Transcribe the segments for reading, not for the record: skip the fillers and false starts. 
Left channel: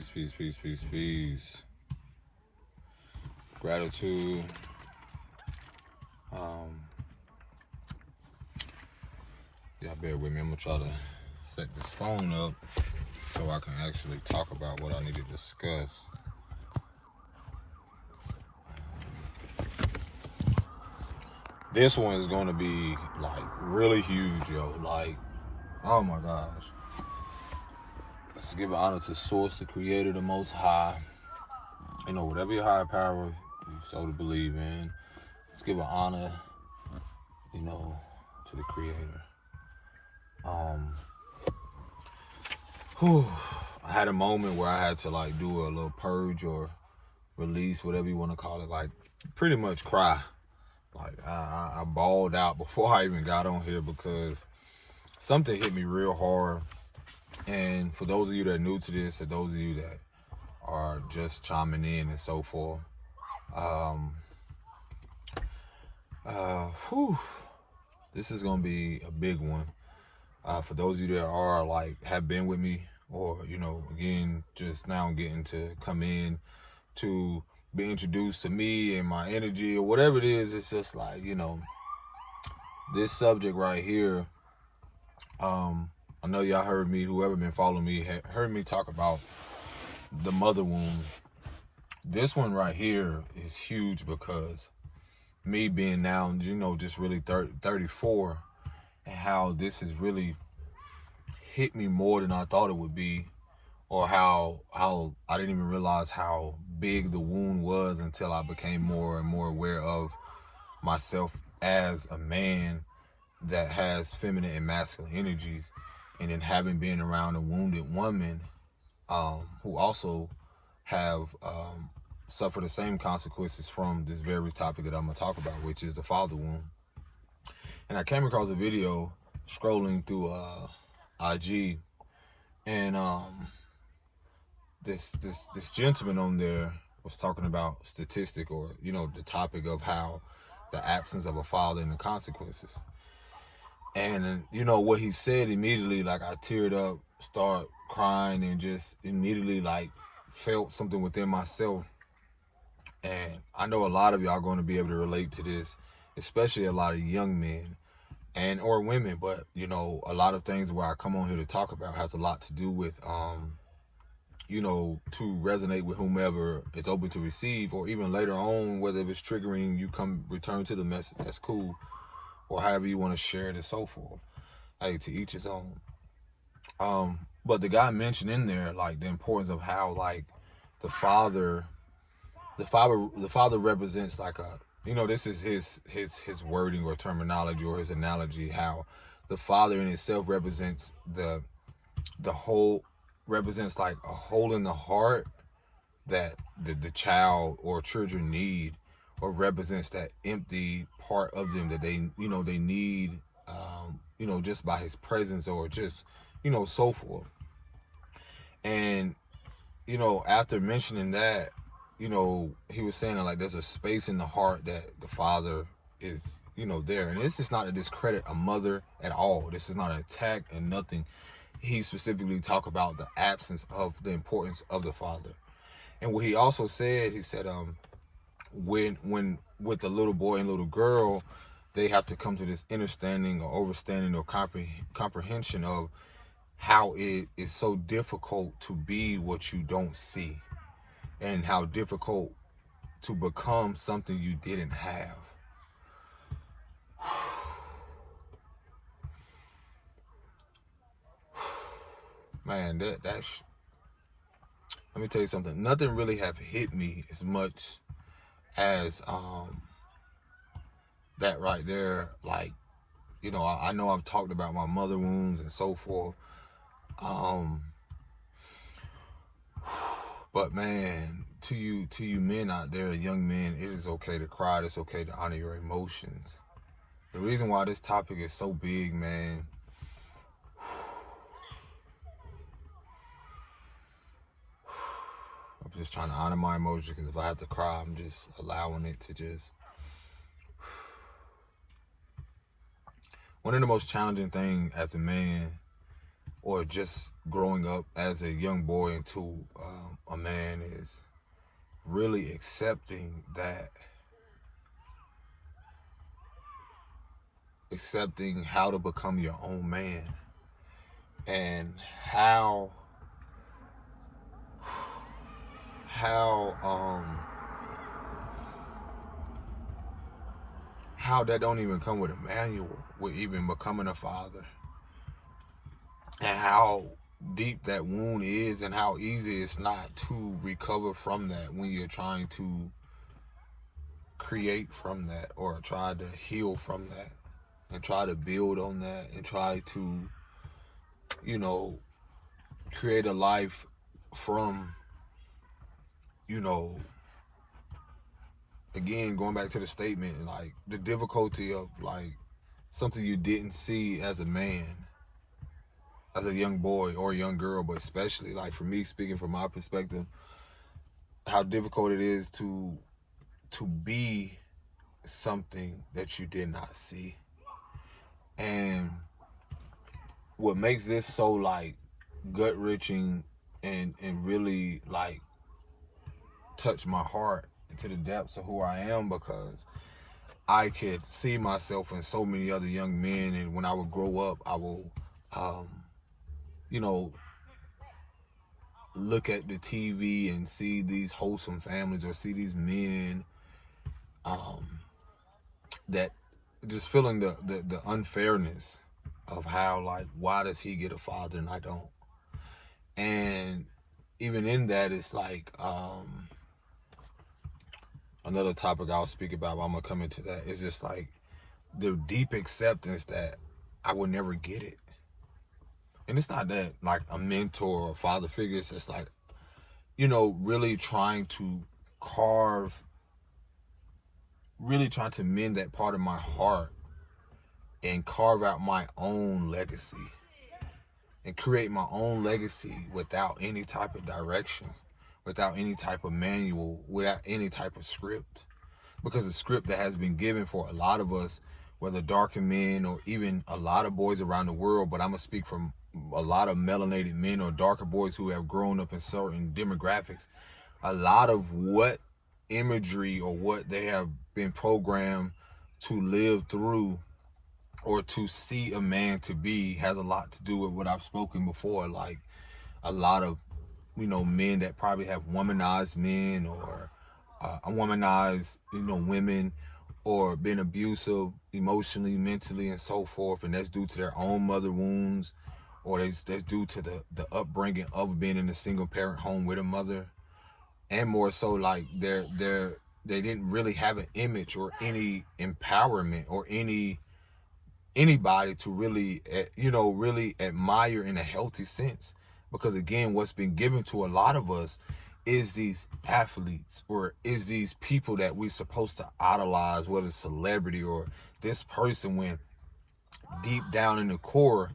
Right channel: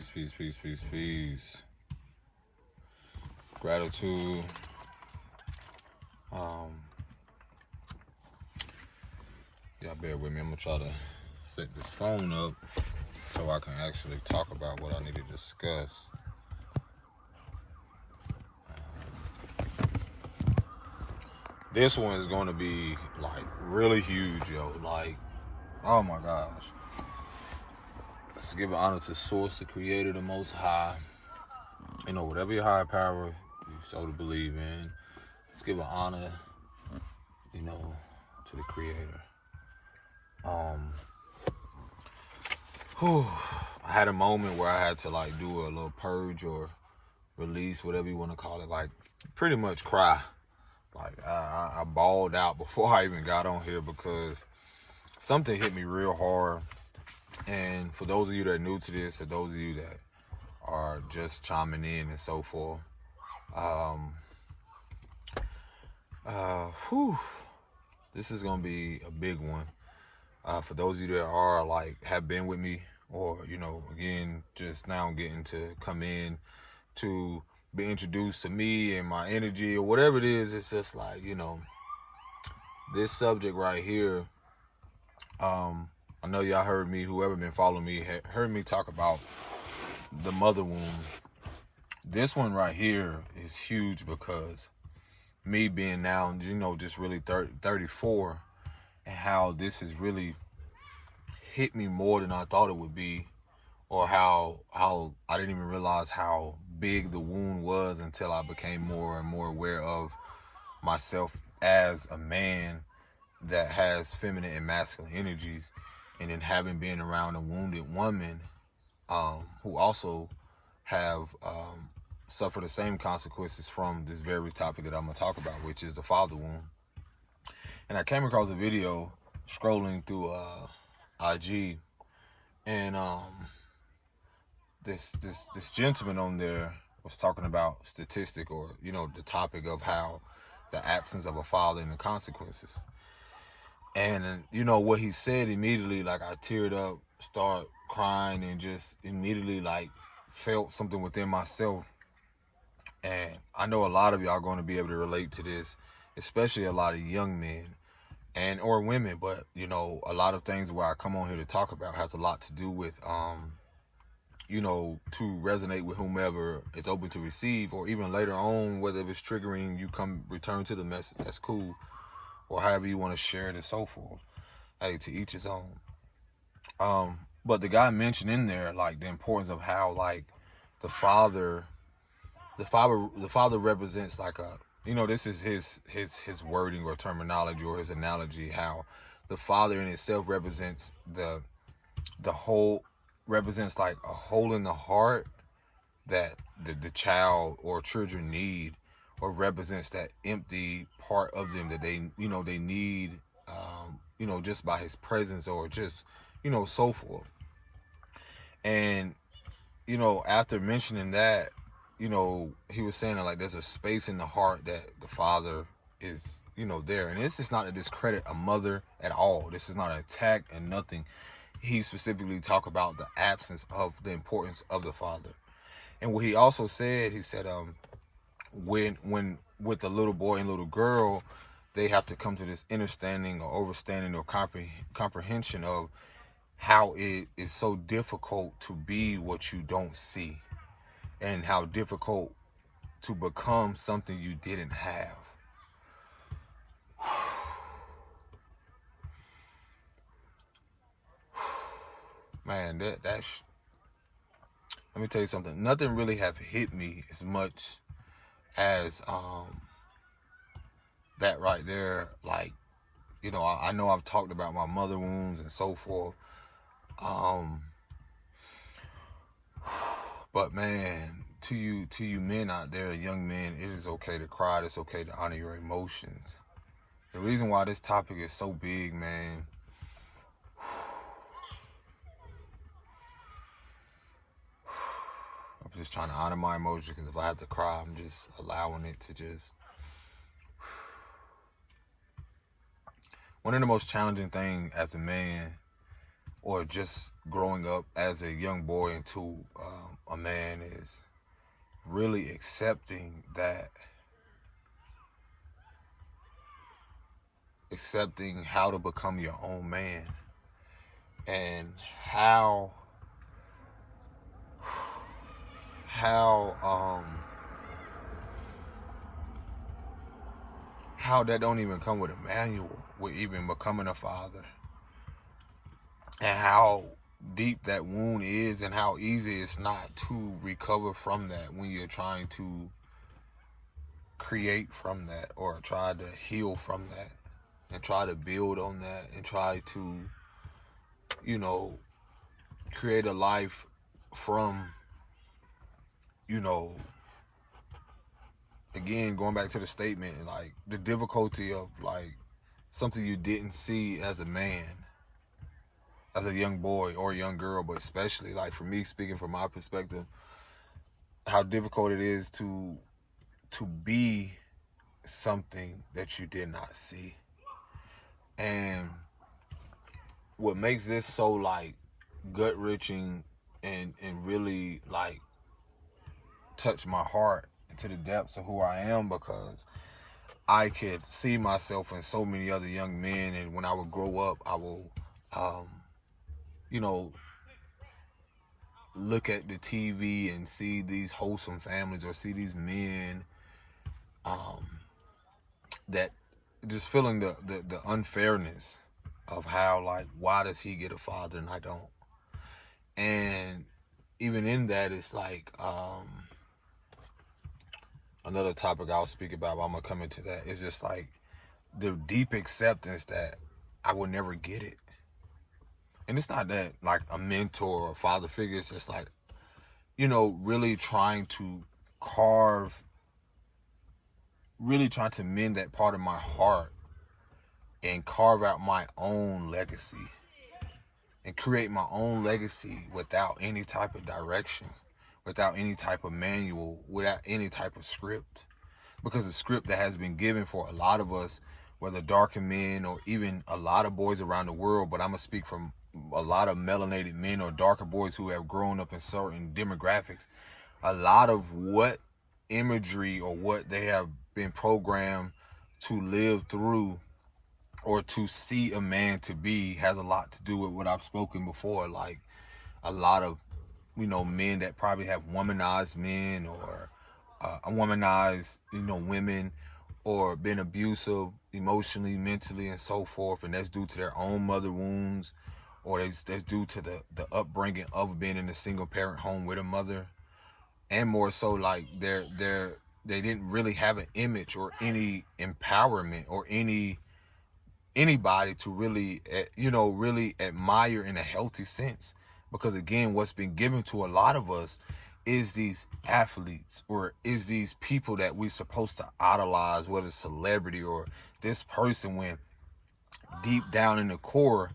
Peace, peace, peace, peace, peace. Gratitude. Y'all bear with me. I'm gonna try to set this phone up so I can actually talk about what I need to discuss. This one is gonna be like really huge, yo. Like, oh my gosh. Let's give honor to Source, the Creator, the Most High. You know, whatever your higher power you so to believe in, let's give an honor, you know, to the Creator. I had a moment where I had to like do a little purge or release, whatever you want to call it, like pretty much cry. Like I bawled out before I even got on here because something hit me real hard. And for those of you that are new to this, or those of you that are just chiming in and so forth, this is gonna be a big one. For those of you that are like have been with me, or you know, again, just now getting to come in to be introduced to me and my energy or whatever it is, it's just like, you know, this subject right here. I know y'all heard me, whoever been following me, heard me talk about the mother wound. This one right here is huge because me being now, you know, just really 34, and how this has really hit me more than I thought it would be, or how I didn't even realize how big the wound was until I became more and more aware of myself as a man that has feminine and masculine energies, and then having been around a wounded woman who also have suffered the same consequences from this very topic that I'm going to talk about, which is the father wound. And I came across a video scrolling through IG, and this gentleman on there was talking about statistic, or you know, the topic of how the absence of a father and the consequences. And you know what he said immediately, like I teared up, start crying, and just immediately like felt something within myself. And I know a lot of y'all are going to be able to relate to this, especially a lot of young men and or women. But you know, a lot of things where I come on here to talk about has a lot to do with you know, to resonate with whomever is open to receive, or even later on, whether it's triggering, you come return to the message, that's cool, or however you want to share it and so forth. Hey, to each his own. But the guy mentioned in there like the importance of how like the father represents like a, you know, this is his wording or terminology or his analogy, how the father in itself represents the whole, represents like a hole in the heart that the child or children need, or represents that empty part of them that they, you know, they need, you know, just by his presence, or just, you know, so forth. And, you know, after mentioning that, you know, he was saying that like there's a space in the heart that the father is, you know, there. And this is not to discredit a mother at all. This is not an attack and nothing. He specifically talked about the absence of the importance of the father. And what he also said, he said, when with a little boy and little girl, they have to come to this understanding or overstanding or comprehension of how it is so difficult to be what you don't see, and how difficult to become something you didn't have. Man, that's, let me tell you something. Nothing really have hit me as much as that right there. Like, you know, I know I've talked about my mother wounds and so forth. But man, to you men out there, young men, it is okay to cry. It's okay to honor your emotions. The reason why this topic is so big, man, I'm just trying to honor my emotions, because if I have to cry, I'm just allowing it to just. One of the most challenging things as a man, or just growing up as a young boy into a man is really accepting how to become your own man, and how that don't even come with a manual with even becoming a father, and how deep that wound is, and how easy it's not to recover from that when you're trying to create from that, or try to heal from that, and try to build on that, and try to, create a life from, again, going back to the statement, like the difficulty of like something you didn't see as a man, as a young boy or a young girl, but especially like for me, speaking from my perspective, how difficult it is to be something that you did not see. And what makes this so like gut wrenching and really like touch my heart into the depths of who I am, because I could see myself in so many other young men, and when I would grow up, I will look at the TV and see these wholesome families, or see these men that just feeling the unfairness of how, like, why does he get a father and I don't? And even in that, it's like another topic I'll speak about, but I'm gonna come into that. It's just like the deep acceptance that I would never get it. And it's not that like a mentor or a father figure, it's just like, really trying to mend that part of my heart and carve out my own legacy and create my own legacy without any type of direction, without any type of manual, without any type of script. Because the script that has been given for a lot of us, whether darker men or even a lot of boys around the world, but I'm going to speak from a lot of melanated men or darker boys who have grown up in certain demographics, a lot of what imagery or what they have been programmed to live through or to see a man to be has a lot to do with what I've spoken before, like a lot of men that probably have womanized men, or womanized women, or been abusive emotionally, mentally, and so forth, and that's due to their own mother wounds, or that's due to the upbringing of being in a single parent home with a mother, and more so like they didn't really have an image or any empowerment or anybody to really really admire in a healthy sense. Because again, what's been given to a lot of us is these athletes, or is these people that we're supposed to idolize, whether it's celebrity or this person, when deep down in the core,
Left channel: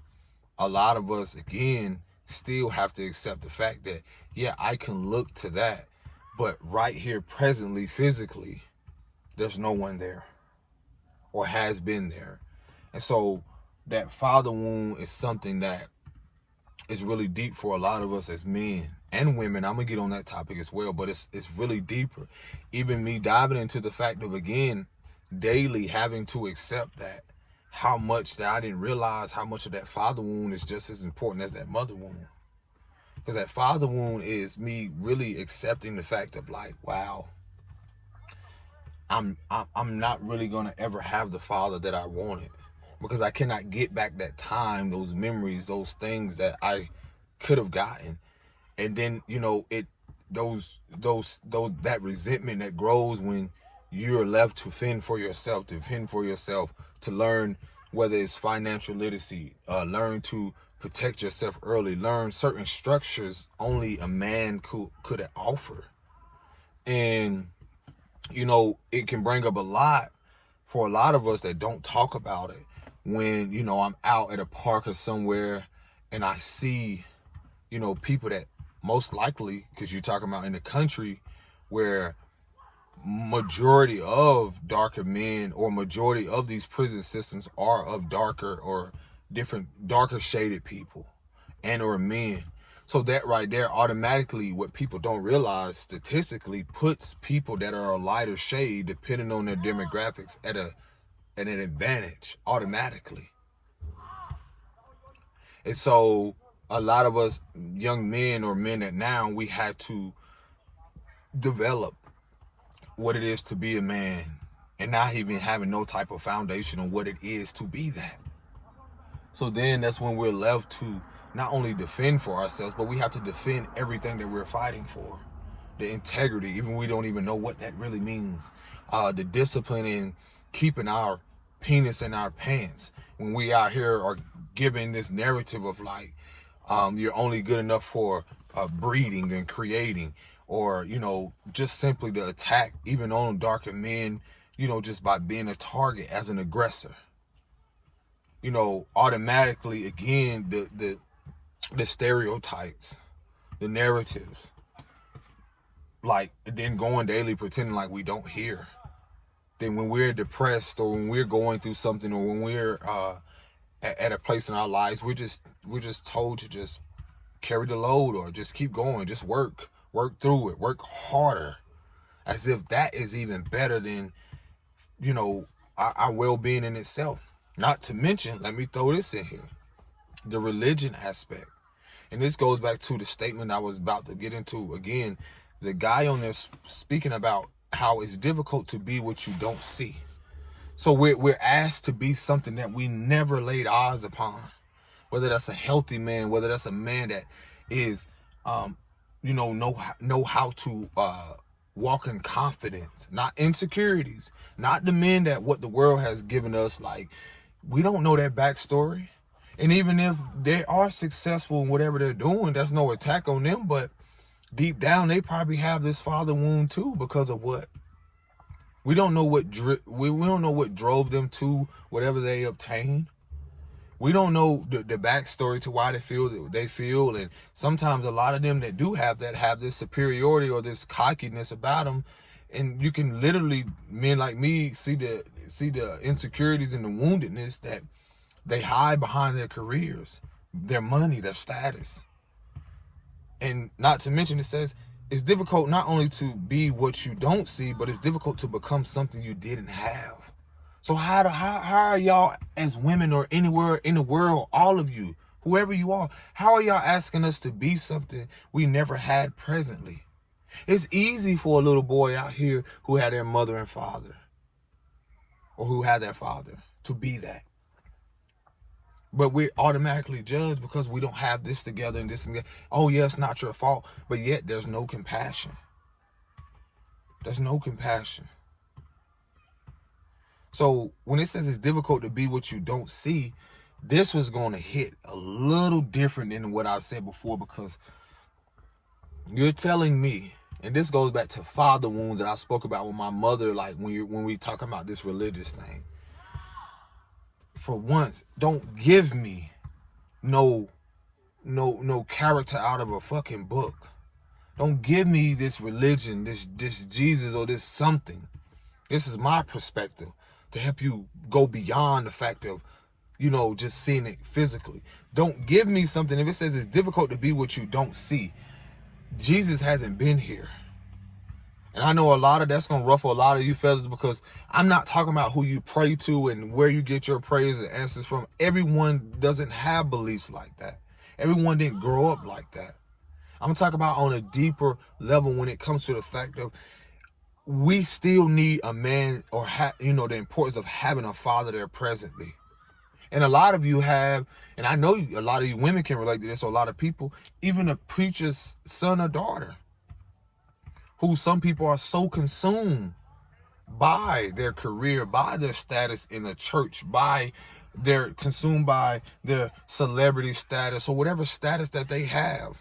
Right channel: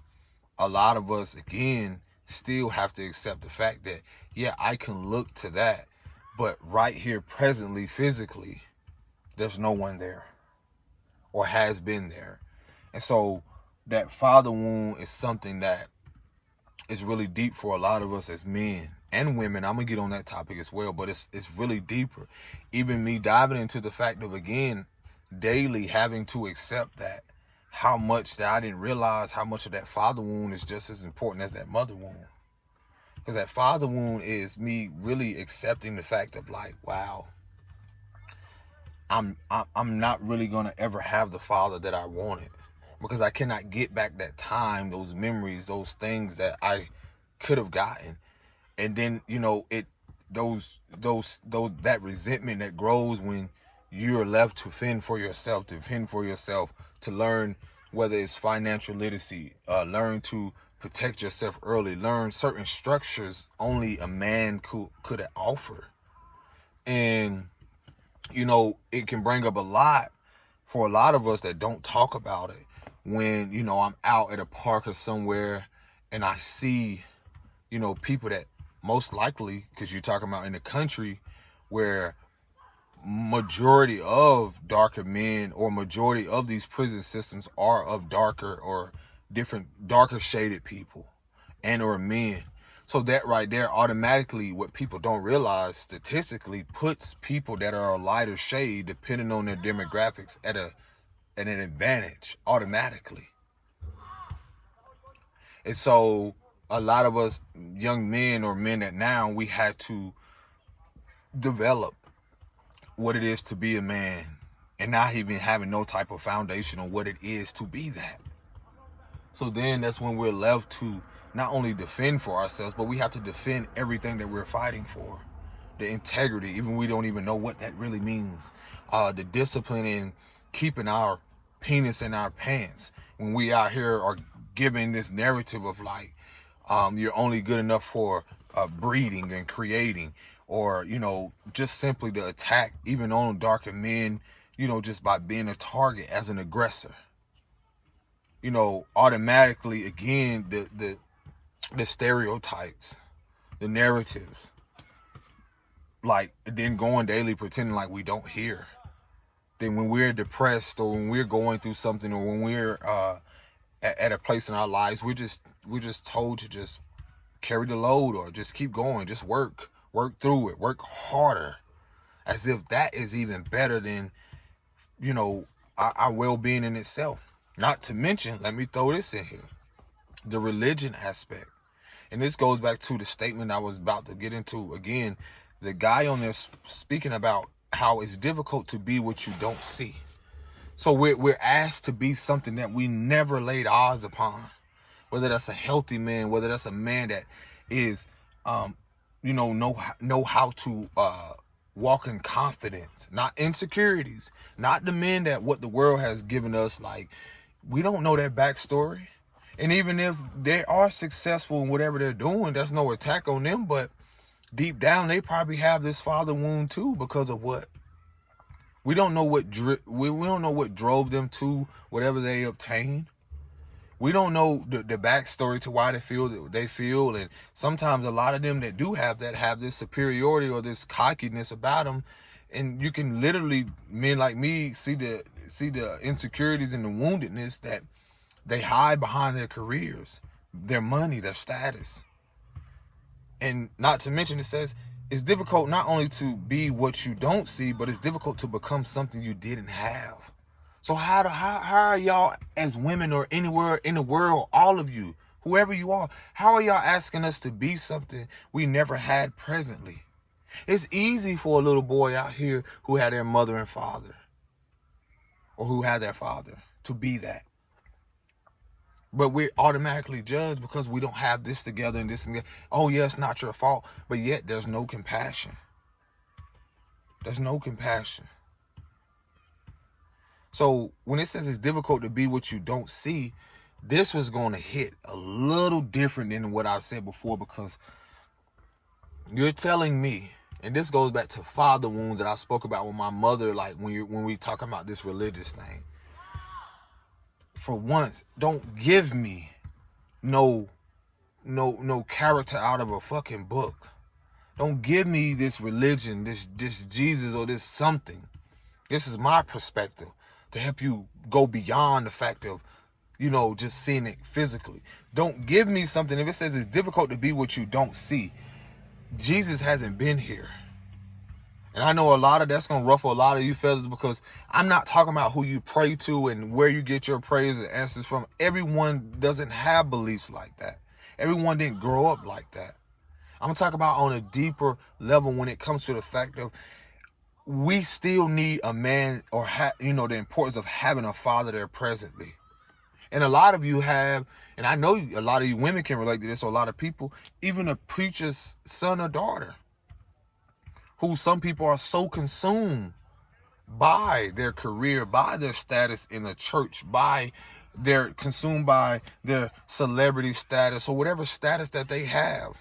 a lot of us, again, still have to accept the fact that, yeah, I can look to that, but right here, presently, physically, there's no one there, or has been there. And so that father wound is something that is really deep for a lot of us as men and women. I'm gonna get on that topic as well, but it's really deeper. Even me diving into the fact of, again, daily having to accept that, how much that I didn't realize how much of that father wound is just as important as that mother wound. Because that father wound is me really accepting the fact of like, wow, I'm not really gonna ever have the father that I wanted, because I cannot get back that time, those memories, those things that I could have gotten. And then, that resentment that grows when you're left to fend for yourself, to learn, whether it's financial literacy, learn to protect yourself early, learn certain structures only a man could offer. And, it can bring up a lot for a lot of us that don't talk about it. When, I'm out at a park or somewhere and I see, people that most likely, because you're talking about in the country where majority of darker men, or majority of these prison systems are of darker or darker shaded people. and or men. So that right there automatically, what people don't realize statistically, puts people that are a lighter shade, depending on their demographics, at an advantage automatically. And so a lot of us young men, or men that now, we had to develop what it is to be a man, and not even having no type of foundation on what it is to be that. So then that's when we're left to not only defend for ourselves, but we have to defend everything that we're fighting for. The integrity, even we don't even know what that really means. The discipline in keeping our penis in our pants when we out here are giving this narrative of like, you're only good enough for breeding and creating, or, you know, just simply to attack even on darker men, you know, just by being a target as an aggressor. You know, automatically, again, the stereotypes, the narratives, like, then going daily pretending like we don't hear. Then when we're depressed, or when we're going through something, or when we're at a place in our lives, we're just told to just carry the load, or just keep going, just work through it, work harder, as if that is even better than, you know, our well-being in itself. Not to mention, let me throw this in here, the religion aspect. And this goes back to the statement I was about to get into again. The guy on there speaking about how it's difficult to be what you don't see. So we're asked to be something that we never laid eyes upon. Whether that's a healthy man, whether that's a man that is, you know how to walk in confidence, not insecurities, not the men that what the world has given us. Like, we don't know their backstory. And even if they are successful in whatever they're doing, that's no attack on them. But deep down, they probably have this father wound too, because of what? We don't know what we don't know what drove them to whatever they obtained. We don't know the backstory to why they feel that they feel. And sometimes a lot of them that do have that have this superiority or this cockiness about them. And you can literally, men like me, see the insecurities and the woundedness that they hide behind their careers, their money, their status. And not to mention, it says it's difficult not only to be what you don't see, but it's difficult to become something you didn't have. So how are y'all as women, or anywhere in the world, all of you, whoever you are, how are y'all asking us to be something we never had presently? It's easy for a little boy out here who had their mother and father, or who had their father, to be that. But we're automatically judged because we don't have this together and this and that. Oh, yeah, it's not your fault. But yet there's no compassion. There's no compassion. So when it says it's difficult to be what you don't see, this was going to hit a little different than what I've said before, because you're telling me, and this goes back to father wounds that I spoke about with my mother, like when we talk about this religious thing. For once, don't give me no character out of a fucking book. Don't give me this religion, this Jesus, or this something. This is my perspective to help you go beyond the fact of, you know, just seeing it physically. Don't give me something. If it says it's difficult to be what you don't see, Jesus hasn't been here. And I know a lot of that's going to ruffle a lot of you fellas, because I'm not talking about who you pray to and where you get your prayers and answers from. Everyone doesn't have beliefs like that. Everyone didn't grow up like that. I'm talking about on a deeper level when it comes to the fact of we still need a man, or the importance of having a father there presently. And a lot of you have, and I know a lot of you women can relate to this, or a lot of people, even a preacher's son or daughter, who some people are so consumed by their career, by their status in the church, they're consumed by their celebrity status or whatever status that they have,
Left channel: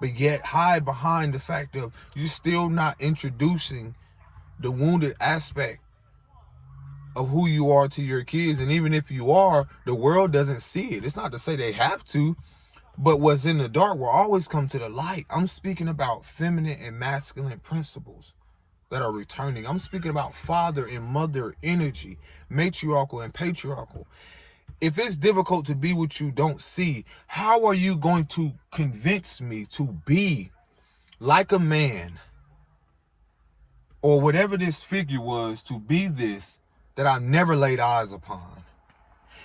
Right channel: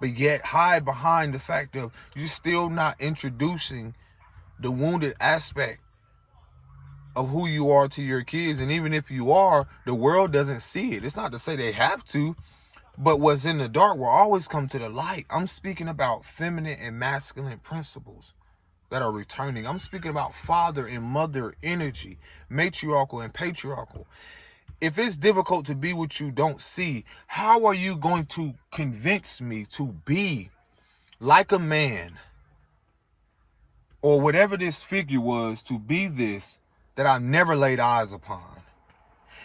but yet hide behind the fact of you're still not introducing the wounded aspect of who you are to your kids. And even if you are, the world doesn't see it. It's not to say they have to, but what's in the dark will always come to the light. I'm speaking about feminine and masculine principles that are returning. I'm speaking about father and mother energy, matriarchal and patriarchal. if it's difficult to be what you don't see, how are you going to convince me to be like a man or whatever this figure was, to be this that I never laid eyes upon?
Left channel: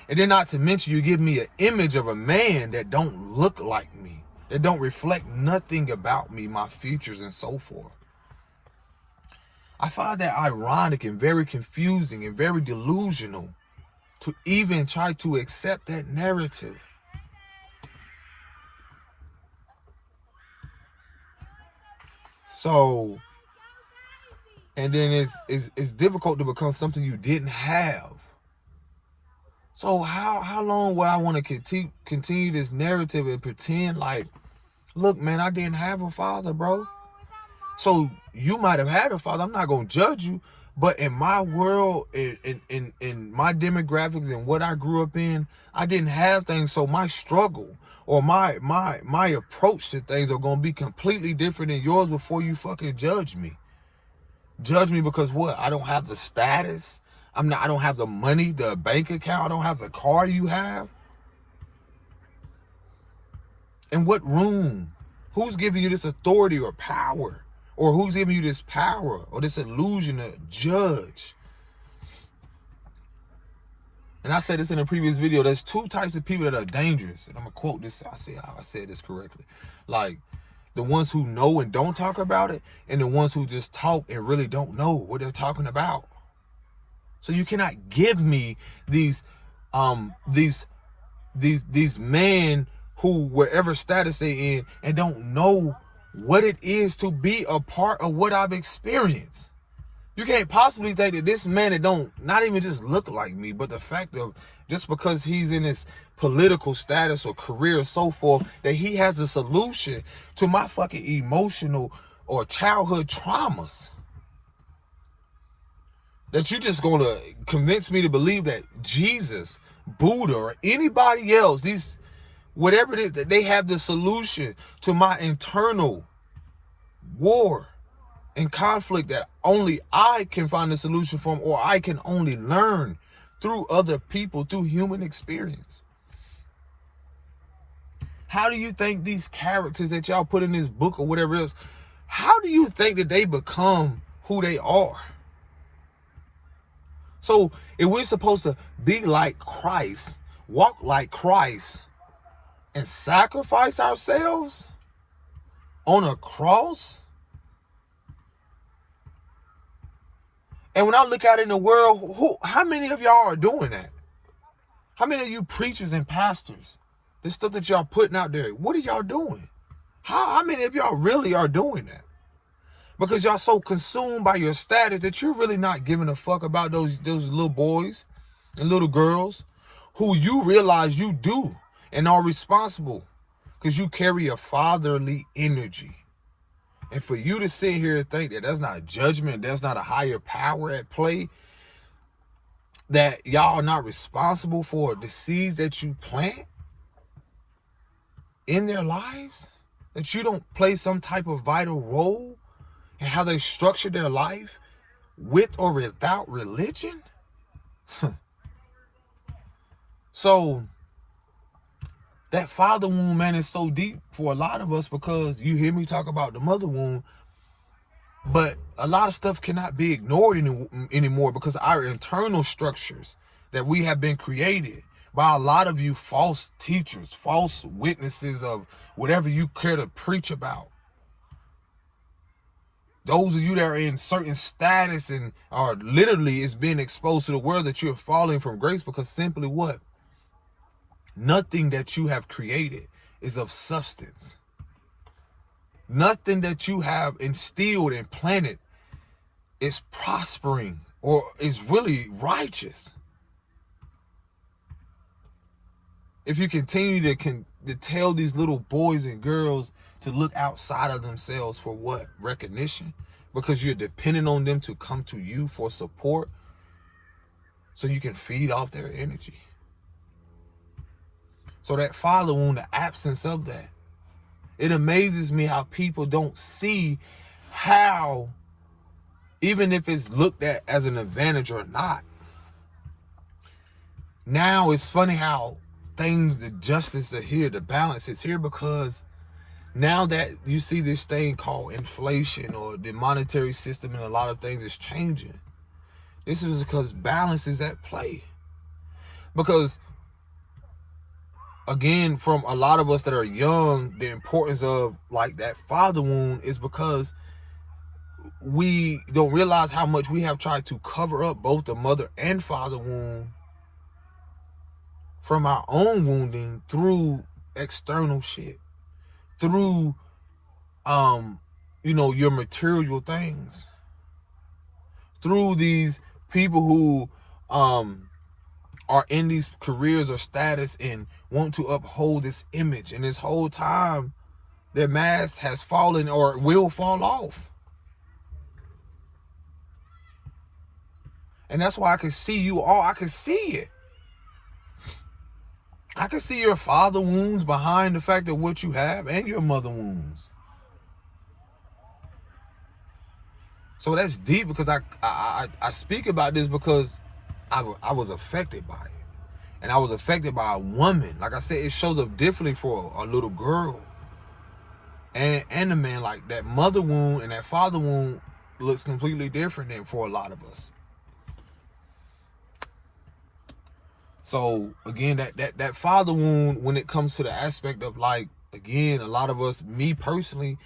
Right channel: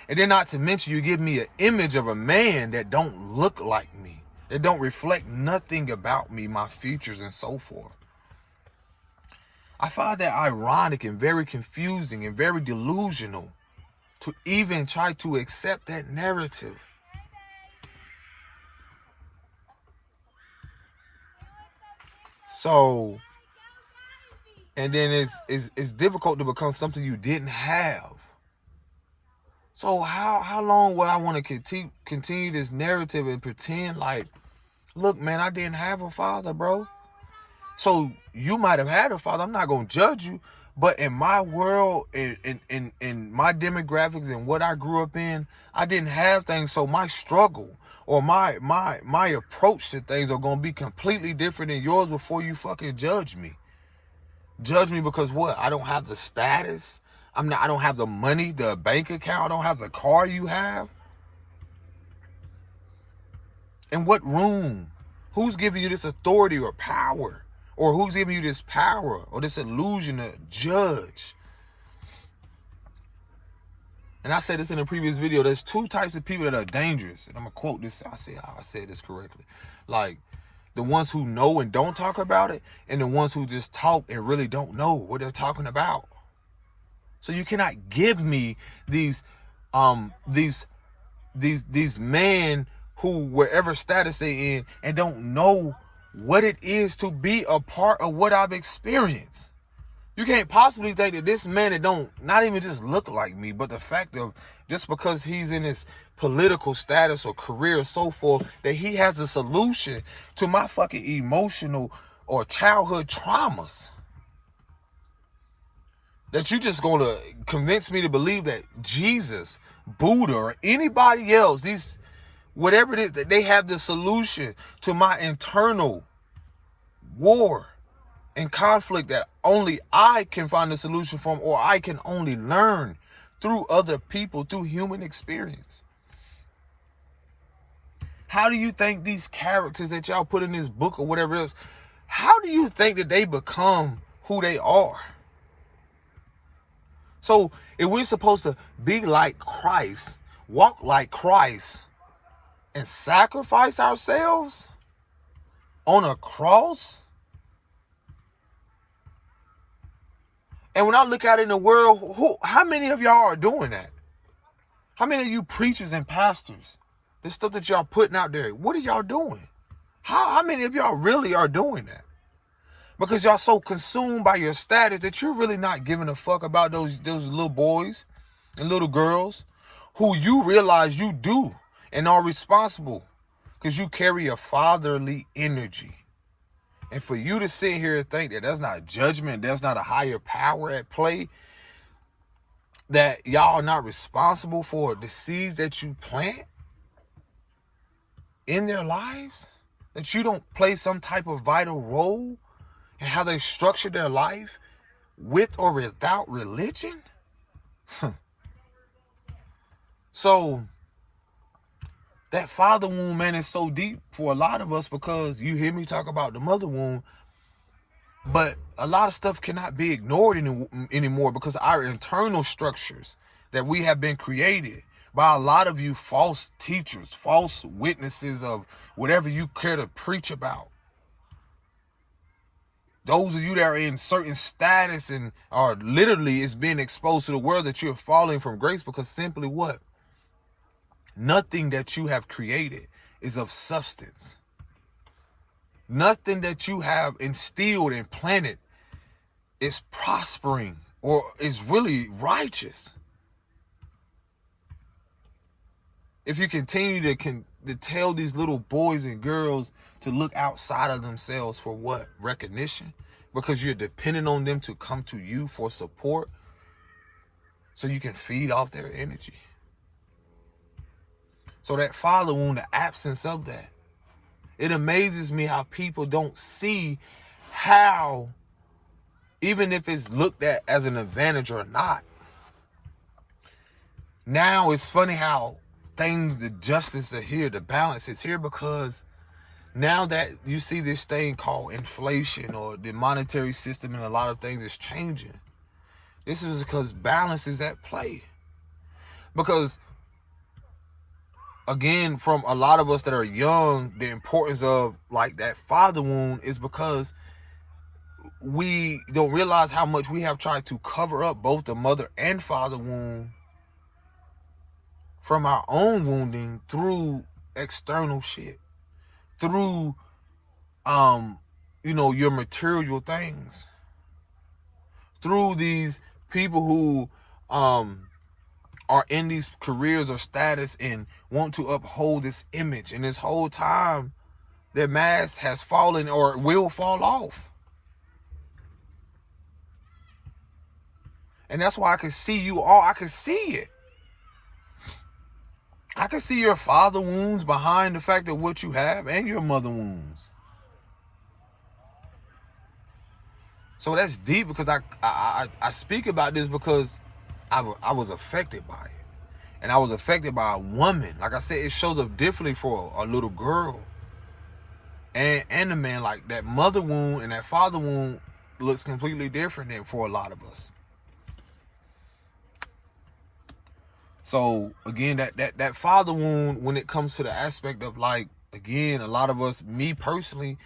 And then not to mention, you give me an image of a man that don't look like me, that don't reflect nothing about me, my features and so forth. I find that ironic and very confusing and very delusional to even try to accept that narrative. So, and then it's difficult to become something you didn't have. So how long would I want to continue this narrative and pretend like, look, man, I didn't have a father, bro. So you might have had a father. I'm not going to judge you. But in my world, in my demographics and what I grew up in, I didn't have things. So my struggle or my approach to things are going to be completely different than yours before you fucking judge me. Judge me because what? I don't have the status. I don't have the money, the bank account. I don't have the car you have. In what room? Who's giving you this authority or power? Or who's giving you this power or this illusion to judge? And I said this in a previous video. There's two types of people that are dangerous. And I'm going to quote this. I said this correctly. Like the ones who know and don't talk about it, and the ones who just talk and really don't know what they're talking about. So you cannot give me these men who, wherever status they in, and don't know what it is to be a part of what I've experienced. You can't possibly think that this man that don't not even just look like me, but the fact of just because he's in his political status or career or so forth, that he has a solution to my fucking emotional or childhood traumas. That you just gonna convince me to believe that Jesus, Buddha, or anybody else, these whatever it is, that they have the solution to my internal war and conflict that only I can find the solution from, or I can only learn through other people, through human experience. How do you think these characters that y'all put in this book or whatever else, how do you think that they become who they are? So if we're supposed to be like Christ, walk like Christ, and sacrifice ourselves on a cross? And when I look out in the world, how many of y'all are doing that? How many of you preachers and pastors, this stuff that y'all putting out there, what are y'all doing? How many of y'all really are doing that? Because y'all so consumed by your status that you're really not giving a fuck about those little boys and little girls who you realize you do and are responsible because you carry a fatherly energy. And for you to sit here and think that that's not judgment, there's not a higher power at play, that y'all are not responsible for the seeds that you plant in their lives, that you don't play some type of vital role in how they structure their life with or without religion. So that father wound, man, is so deep for a lot of us, because you hear me talk about the mother wound, but a lot of stuff cannot be ignored anymore because our internal structures that we have been created by a lot of you false teachers, false witnesses of whatever you care to preach about. Those of you that are in certain status and are literally is being exposed to the world, that you're falling from grace because simply what? Nothing that you have created is of substance. Nothing that you have instilled and planted is prospering or is really righteous. If you continue to tell these little boys and girls to look outside of themselves for what? Recognition? Because you're dependent on them to come to you for support so you can feed off their energy. So that father wound, the absence of that, it amazes me how people don't see how, even if it's looked at as an advantage or not Now it's funny how the justice are here, the balance is here, because now that you see this thing called inflation, or the monetary system and a lot of things is changing, this is because balance is at play. Because again, from a lot of us that are young, the importance of like that father wound is because we don't realize how much we have tried to cover up both the mother and father wound from our own wounding through external shit, through your material things, through these people who are in these careers or status and want to uphold this image, and this whole time their mask has fallen or will fall off. And that's why I can see you all. I can see it. I can see your father wounds behind the fact of what you have, and your mother wounds. So that's deep, because I speak about this because I was affected by it. And I was affected by a woman. Like I said, it shows up differently for a little girl and a man. Like that mother wound and that father wound looks completely different than for a lot of us. So again, that father wound, when it comes to the aspect of like, again, a lot of us, me personally,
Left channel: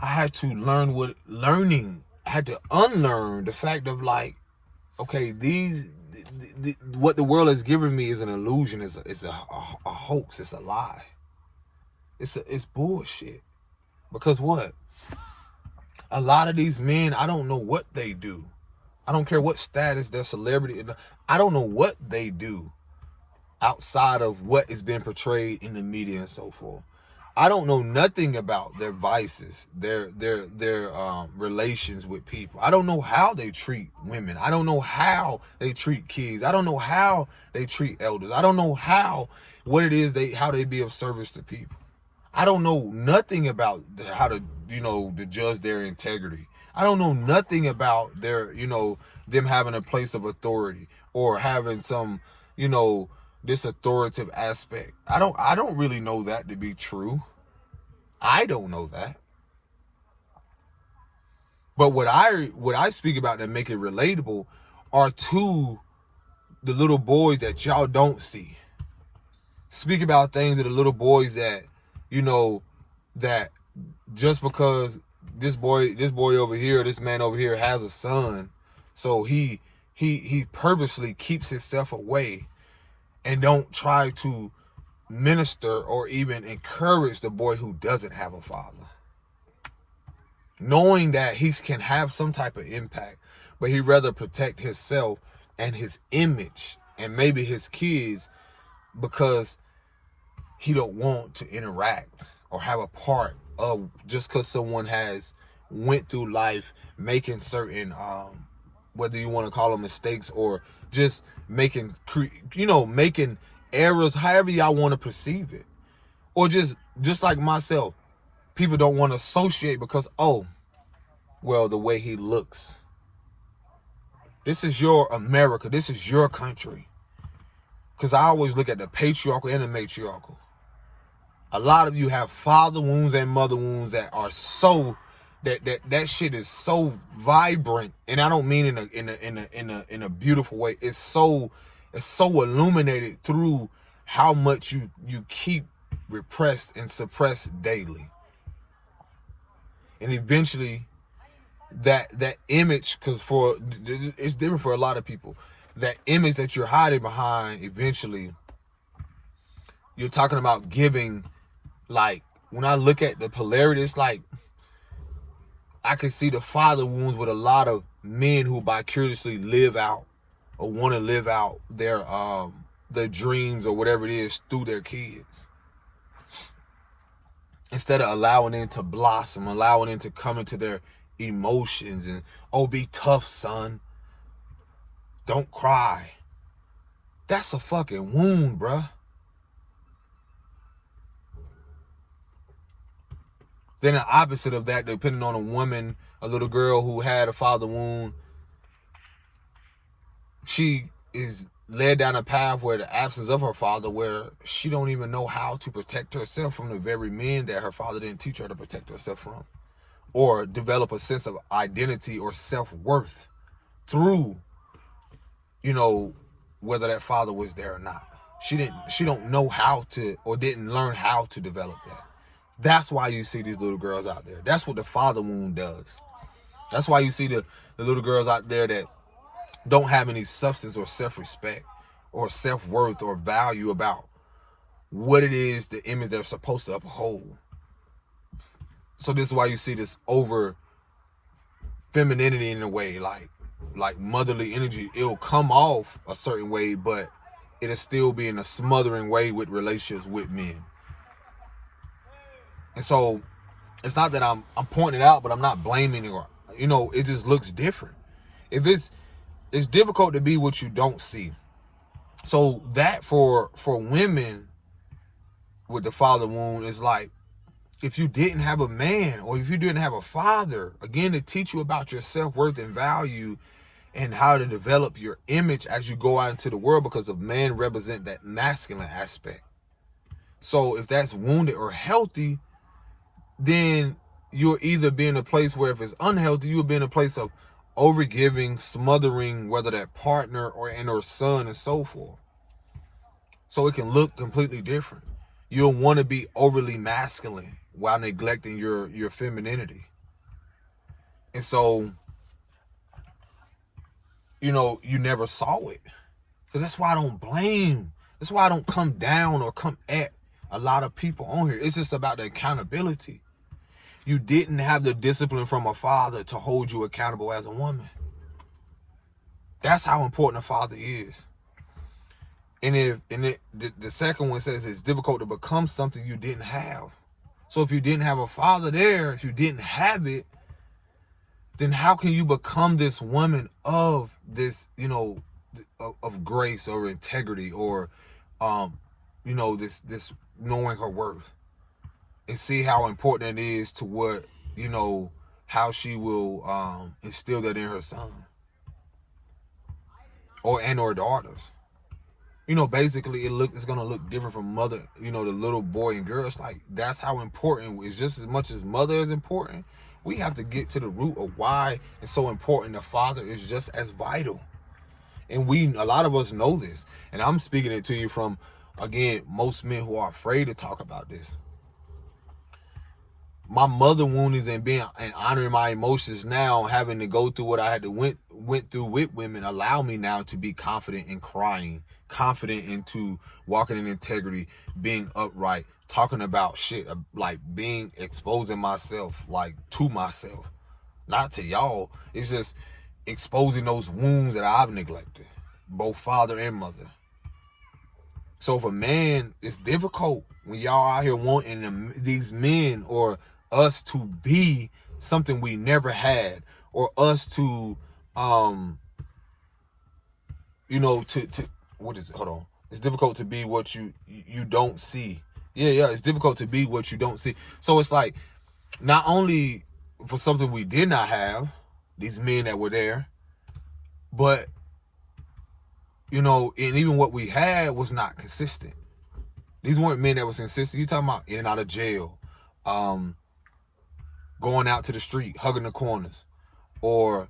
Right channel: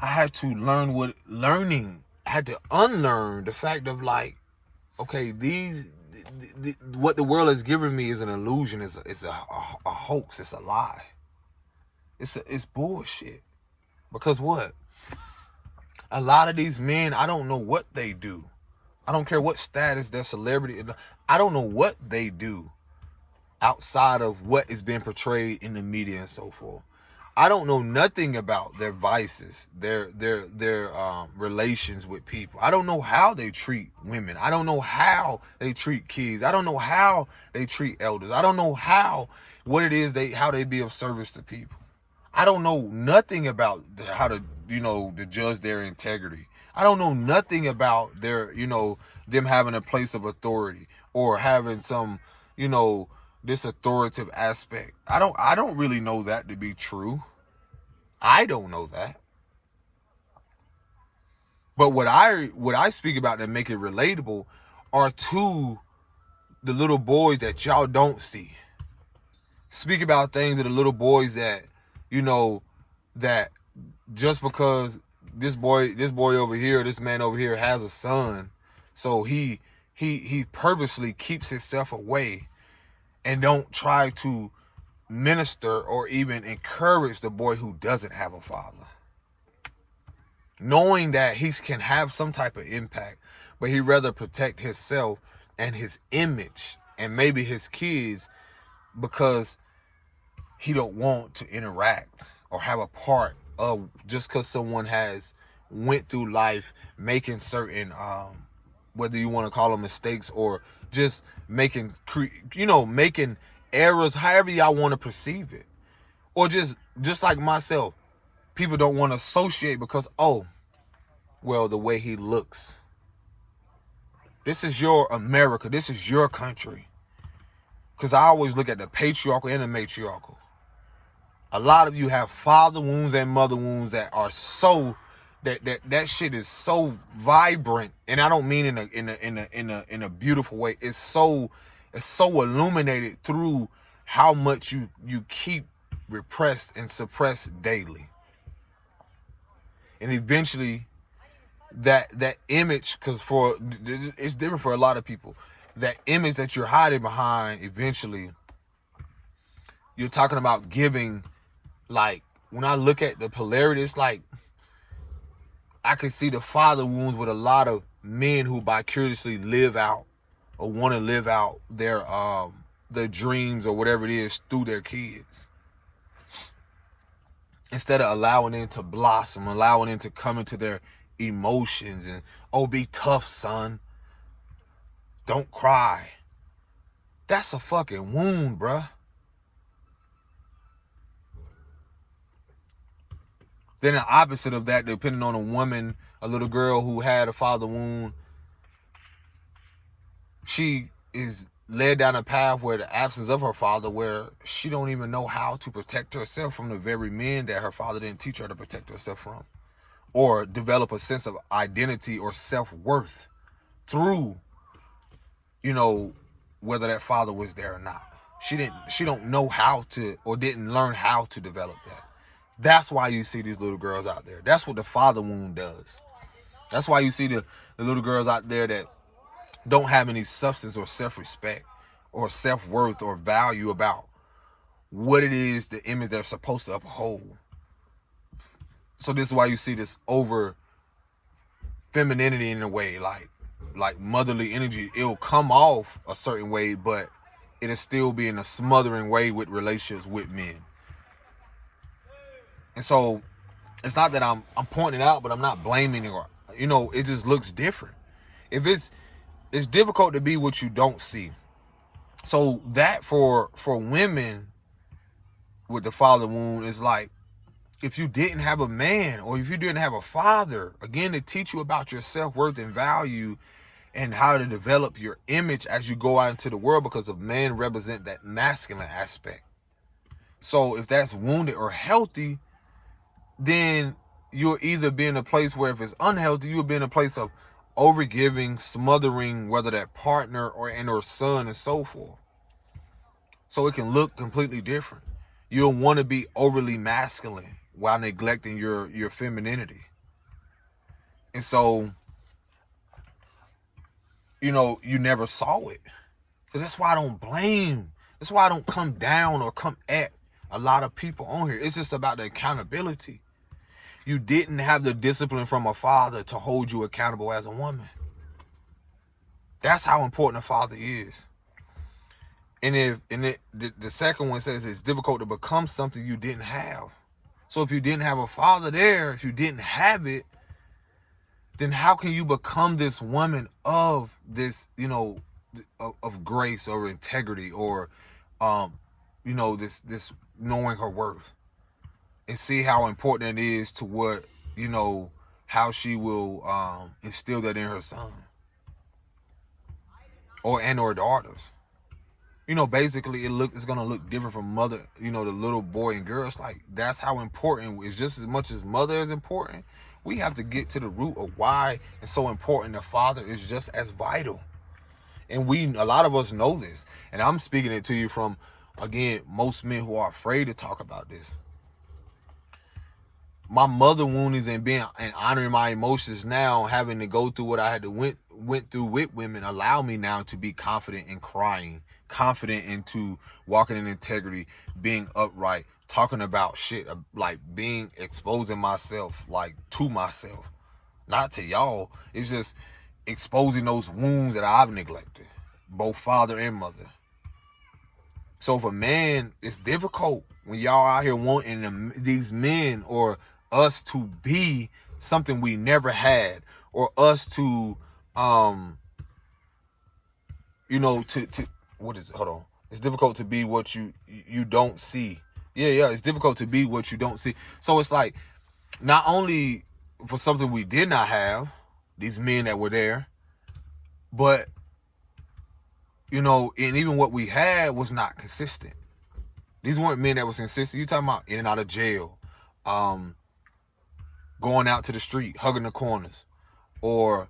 I had to I had to unlearn the fact of like, okay, what the world has given me is an illusion, it's a hoax, it's a lie. It's bullshit. Because what? A lot of these men, I don't know what they do. I don't care what status, their celebrity, I don't know what they do outside of what is being portrayed in the media and so forth. I don't know nothing about their vices, their relations with people. I don't know how they treat women. I don't know how they treat kids. I don't know how they treat elders. I don't know what it is how they be of service to people. I don't know nothing about how to, to judge their integrity. I don't know nothing about their, them having a place of authority or having some, this authoritative aspect. I don't really know that to be true. I don't know that. But what I speak about that make it relatable are to the little boys that y'all don't see. Speak about things to the little boys that, that just because this boy over here, this man over here has a son, so he purposely keeps himself away and don't try to minister or even encourage the boy who doesn't have a father, knowing that he can have some type of impact, but he'd rather protect himself and his image and maybe his kids because he don't want to interact or have a part of, just because someone has went through life making certain whether you want to call them mistakes or just making errors, however y'all want to perceive it. Or just like myself, people don't want to associate because, the way he looks. This is your America. This is your country. Because I always look at the patriarchal and the matriarchal. A lot of you have father wounds and mother wounds that are so that shit is so vibrant, and I don't mean in a beautiful way. It's so illuminated through how much you keep repressed and suppressed daily, and eventually that image, because it's different for a lot of people, that image that you're hiding behind, eventually you're talking about giving. Like when I look at the polarity, it's like I can see the father wounds with a lot of men who vicariously live out or want to live out their dreams or whatever it is through their kids, instead of allowing them to blossom, allowing them to come into their emotions and, be tough, son. Don't cry. That's a fucking wound, bruh. Then the opposite of that, depending on a woman, a little girl who had a father wound, she is led down a path where the absence of her father, where she don't even know how to protect herself from the very men that her father didn't teach her to protect herself from, or develop a sense of identity or self-worth through, whether that father was there or not. She don't know how to, or didn't learn how to develop that. That's why you see these little girls out there. That's what the father wound does. That's why you see the little girls out there that don't have any substance or self-respect or self-worth or value about what it is, the image they're supposed to uphold. So this is why you see this over femininity in a way, like motherly energy. It'll come off a certain way, but it'll still be in a smothering way with relationships with men. And so it's not that I'm pointing it out, but I'm not blaming it, or it just looks different. If it's difficult to be what you don't see. So that for women with the father wound is like, if you didn't have a man, or if you didn't have a father, again, to teach you about your self-worth and value and how to develop your image as you go out into the world, because of men represent that masculine aspect. So if that's wounded or healthy, then you'll either be in a place where, if it's unhealthy, you'll be in a place of overgiving, smothering, whether that partner or son and so forth. So it can look completely different. You'll want to be overly masculine while neglecting your femininity. And so, you never saw it. So that's why I don't blame. That's why I don't come down or come at a lot of people on here. It's just about the accountability. You didn't have the discipline from a father to hold you accountable as a woman. That's how important a father is. And the second one says it's difficult to become something you didn't have. So if you didn't have a father there, if you didn't have it, then how can you become this woman of this, of grace or integrity, or, this knowing her worth? And see how important it is to what, how she will instill that in her son or daughters. Basically it's going to look different from mother, the little boy and girl. It's like, that's how important. It's just as much as mother is important. We have to get to the root of why it's so important. The father is just as vital. And a lot of us know this. And I'm speaking it to you from, again, most men who are afraid to talk about this. My mother woundings and honoring my emotions now, having to go through what I had to went through with women, allow me now to be confident in crying, confident into walking in integrity, being upright, talking about shit, like exposing myself, like to myself, not to y'all. It's just exposing those wounds that I've neglected, both father and mother. So if a man, it's difficult when y'all out here wanting these men or us to be something we never had, or us to, to what is it? Hold on. It's difficult to be what you don't see. Yeah. It's difficult to be what you don't see. So it's like, not only for something we did not have, these men that were there, but, and even what we had was not consistent. These weren't men that was consistent. You talking about in and out of jail, going out to the street, hugging the corners, or,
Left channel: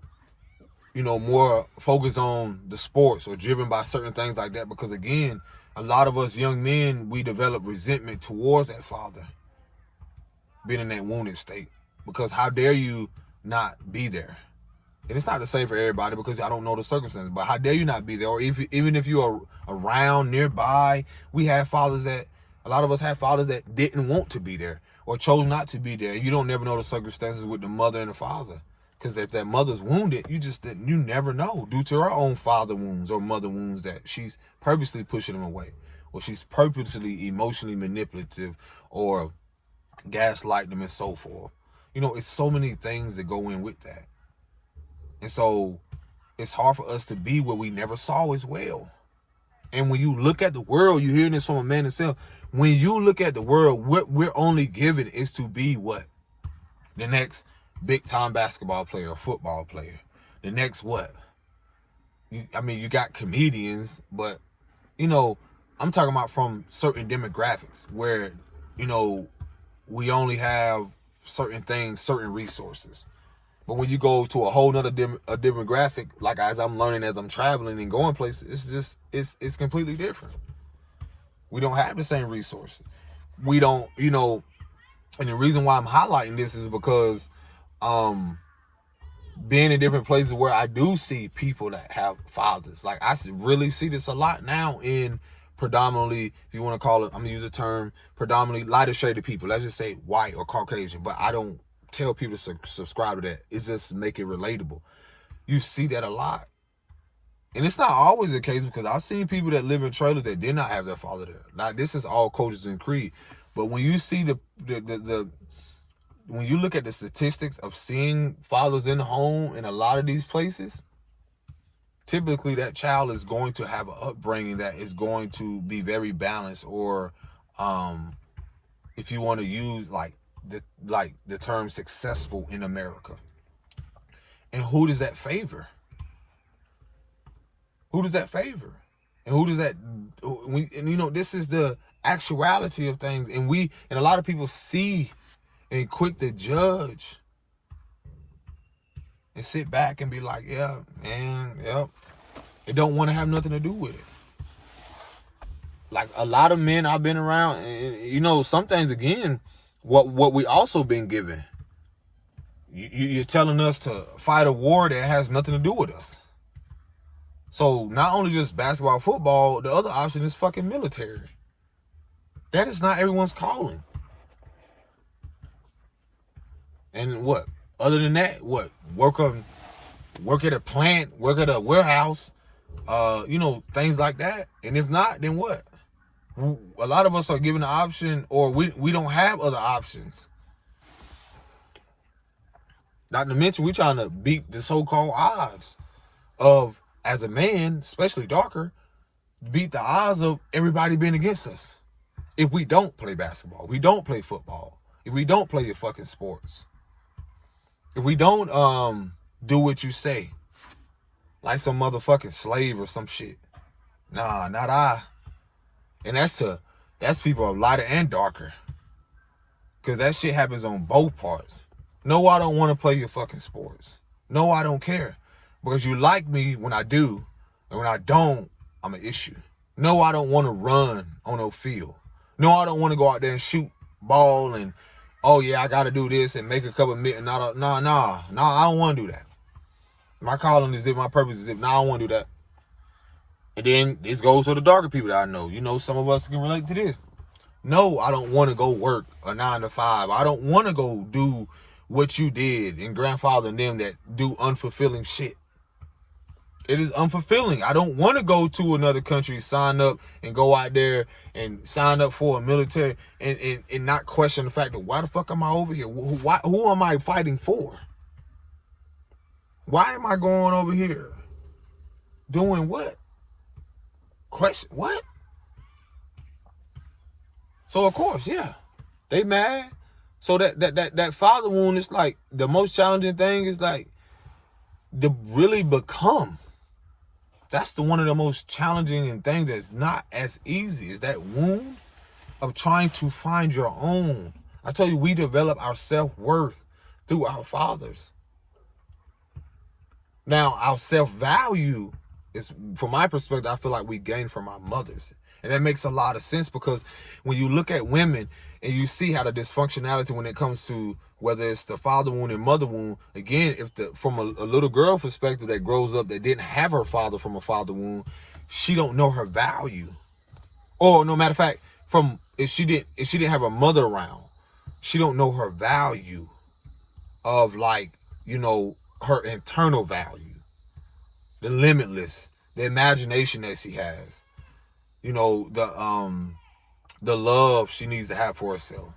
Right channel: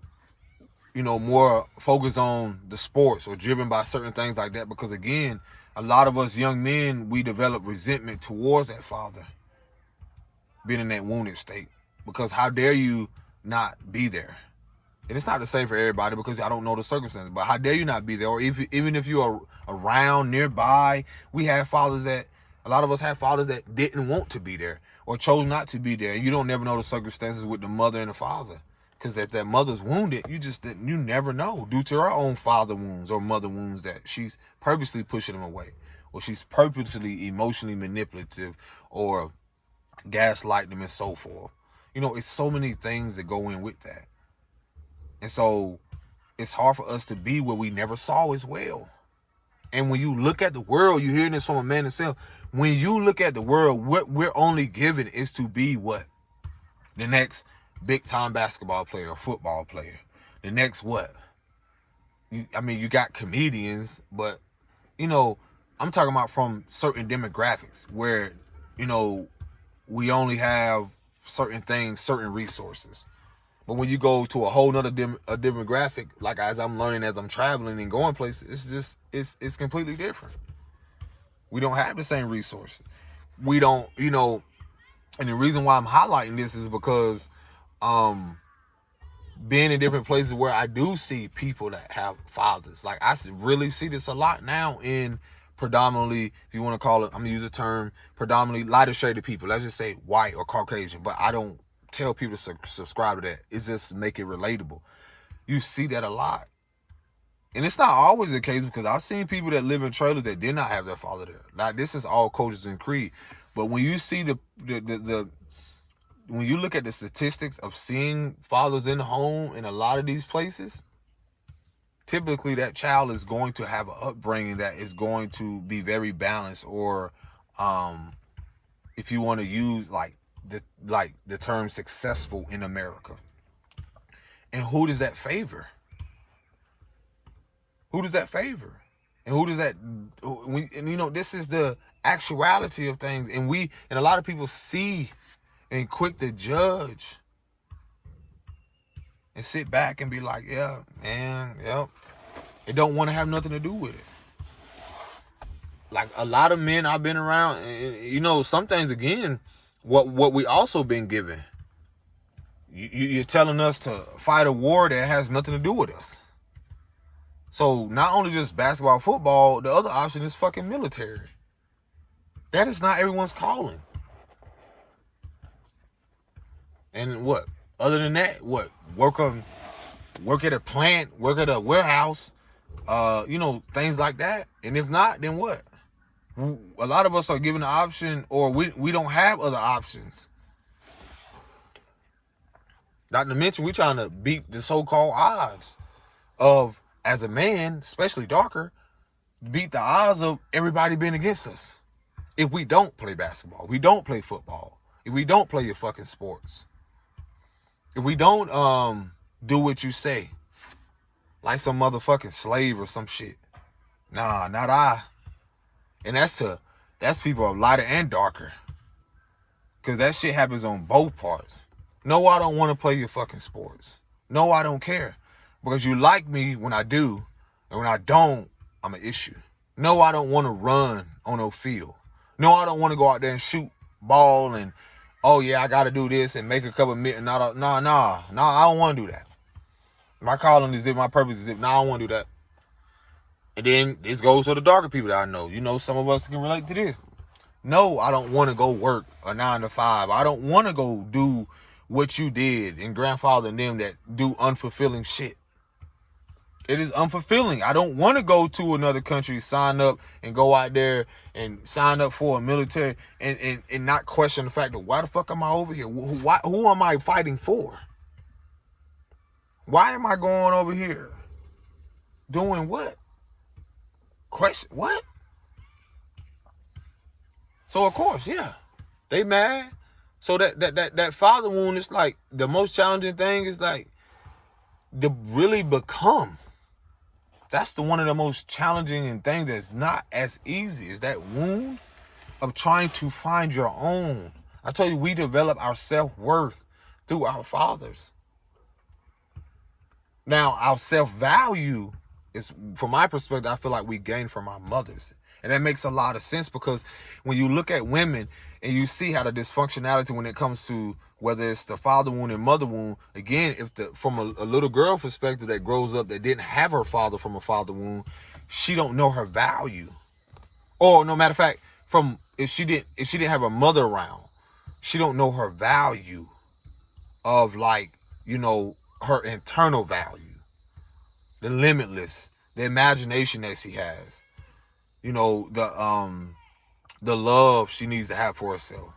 more focused on the sports or driven by certain things like that. Because again, a lot of us young men, we develop resentment towards that father being in that wounded state. Because how dare you not be there? And it's not the same for everybody, because I don't know the circumstances, but how dare you not be there? Or even if you are around nearby, a lot of us have fathers that didn't want to be there or chose not to be there. And you don't never know the circumstances with the mother and the father. Because if that mother's wounded, you never know, due to her own father wounds or mother wounds, that she's purposely pushing them away, or she's purposely emotionally manipulative, or gaslighting them and so forth. It's so many things that go in with that. And so it's hard for us to be what we never saw as well. And when you look at the world, you're hearing this from a man himself. When you look at the world, what we're only given is to be what? The next big time basketball player or football player. The next what? you got comedians, but I'm talking about from certain demographics where, we only have certain things, certain resources. But when you go to a whole nother a demographic, like as I'm learning, as I'm traveling and going places, it's completely different. We don't have the same resources. We don't, and the reason why I'm highlighting this is because being in different places where I do see people that have fathers. Like I really see this a lot now in predominantly, if you want to call it, I'm gonna use the term predominantly lighter shaded people. Let's just say white or Caucasian, but I don't tell people to subscribe to that. It's just make it relatable. You see that a lot. And it's not always the case, because I've seen people that live in trailers that did not have their father there. Like, this is all cultures and creed. But when you see when you look at the statistics of seeing fathers in the home in a lot of these places, typically that child is going to have an upbringing that is going to be very balanced, or if you want to use the term successful in America. And who does that favor? Who does that favor? And who does that, this is the actuality of things. And a lot of people see and quick to judge and sit back and be like, yeah, man, yep. It don't want to have nothing to do with it. Like a lot of men I've been around, and, some things, again, what we also been given. You're telling us to fight a war that has nothing to do with us. So not only just basketball, football, the other option is fucking military. That is not everyone's calling. And what? Other than that, what? Work at a plant, work at a warehouse, things like that. And if not, then what? A lot of us are given the option, or we don't have other options. Not to mention, we're trying to beat the so-called odds of, as a man, especially darker, beat the odds of everybody being against us. If we don't play basketball, we don't play football, if we don't play your fucking sports, if we don't do what you say, like some motherfucking slave or some shit. Nah, not I. And that's people are lighter and darker. Because that shit happens on both parts. No, I don't want to play your fucking sports. No, I don't care. Because you like me when I do, and when I don't, I'm an issue. No, I don't want to run on no field. No, I don't want to go out there and shoot ball and, oh yeah, I got to do this and make a couple million. No, I don't want to do that. My calling is it, my purpose is it. No, I don't want to do that. And then this goes to the darker people that I know. Some of us can relate to this. No, I don't want to go work a 9 to 5. I don't want to go do what you did and grandfather and them that do unfulfilling shit. It is unfulfilling. I don't want to go to another country, sign up and go out there and sign up for a military and not question the fact that why the fuck am I over here? Who am I fighting for? Why am I going over here? Doing what? Question what? So of course, yeah, they mad. So that father wound is like the most challenging thing is like to really become. That's one of the most challenging and things that's not as easy is that wound of trying to find your own. I tell you, we develop our self-worth through our fathers. Now, our self-value is, from my perspective, I feel like we gain from our mothers. And that makes a lot of sense because when you look at women and you see how the dysfunctionality when it comes to whether it's the father wound and mother wound, again, if from a little girl perspective that grows up that didn't have her father from a father wound, she don't know her value. Or no matter of fact, if she didn't have her mother around, she don't know her value of her internal value, the limitless, the imagination that she has, the love she needs to have for herself,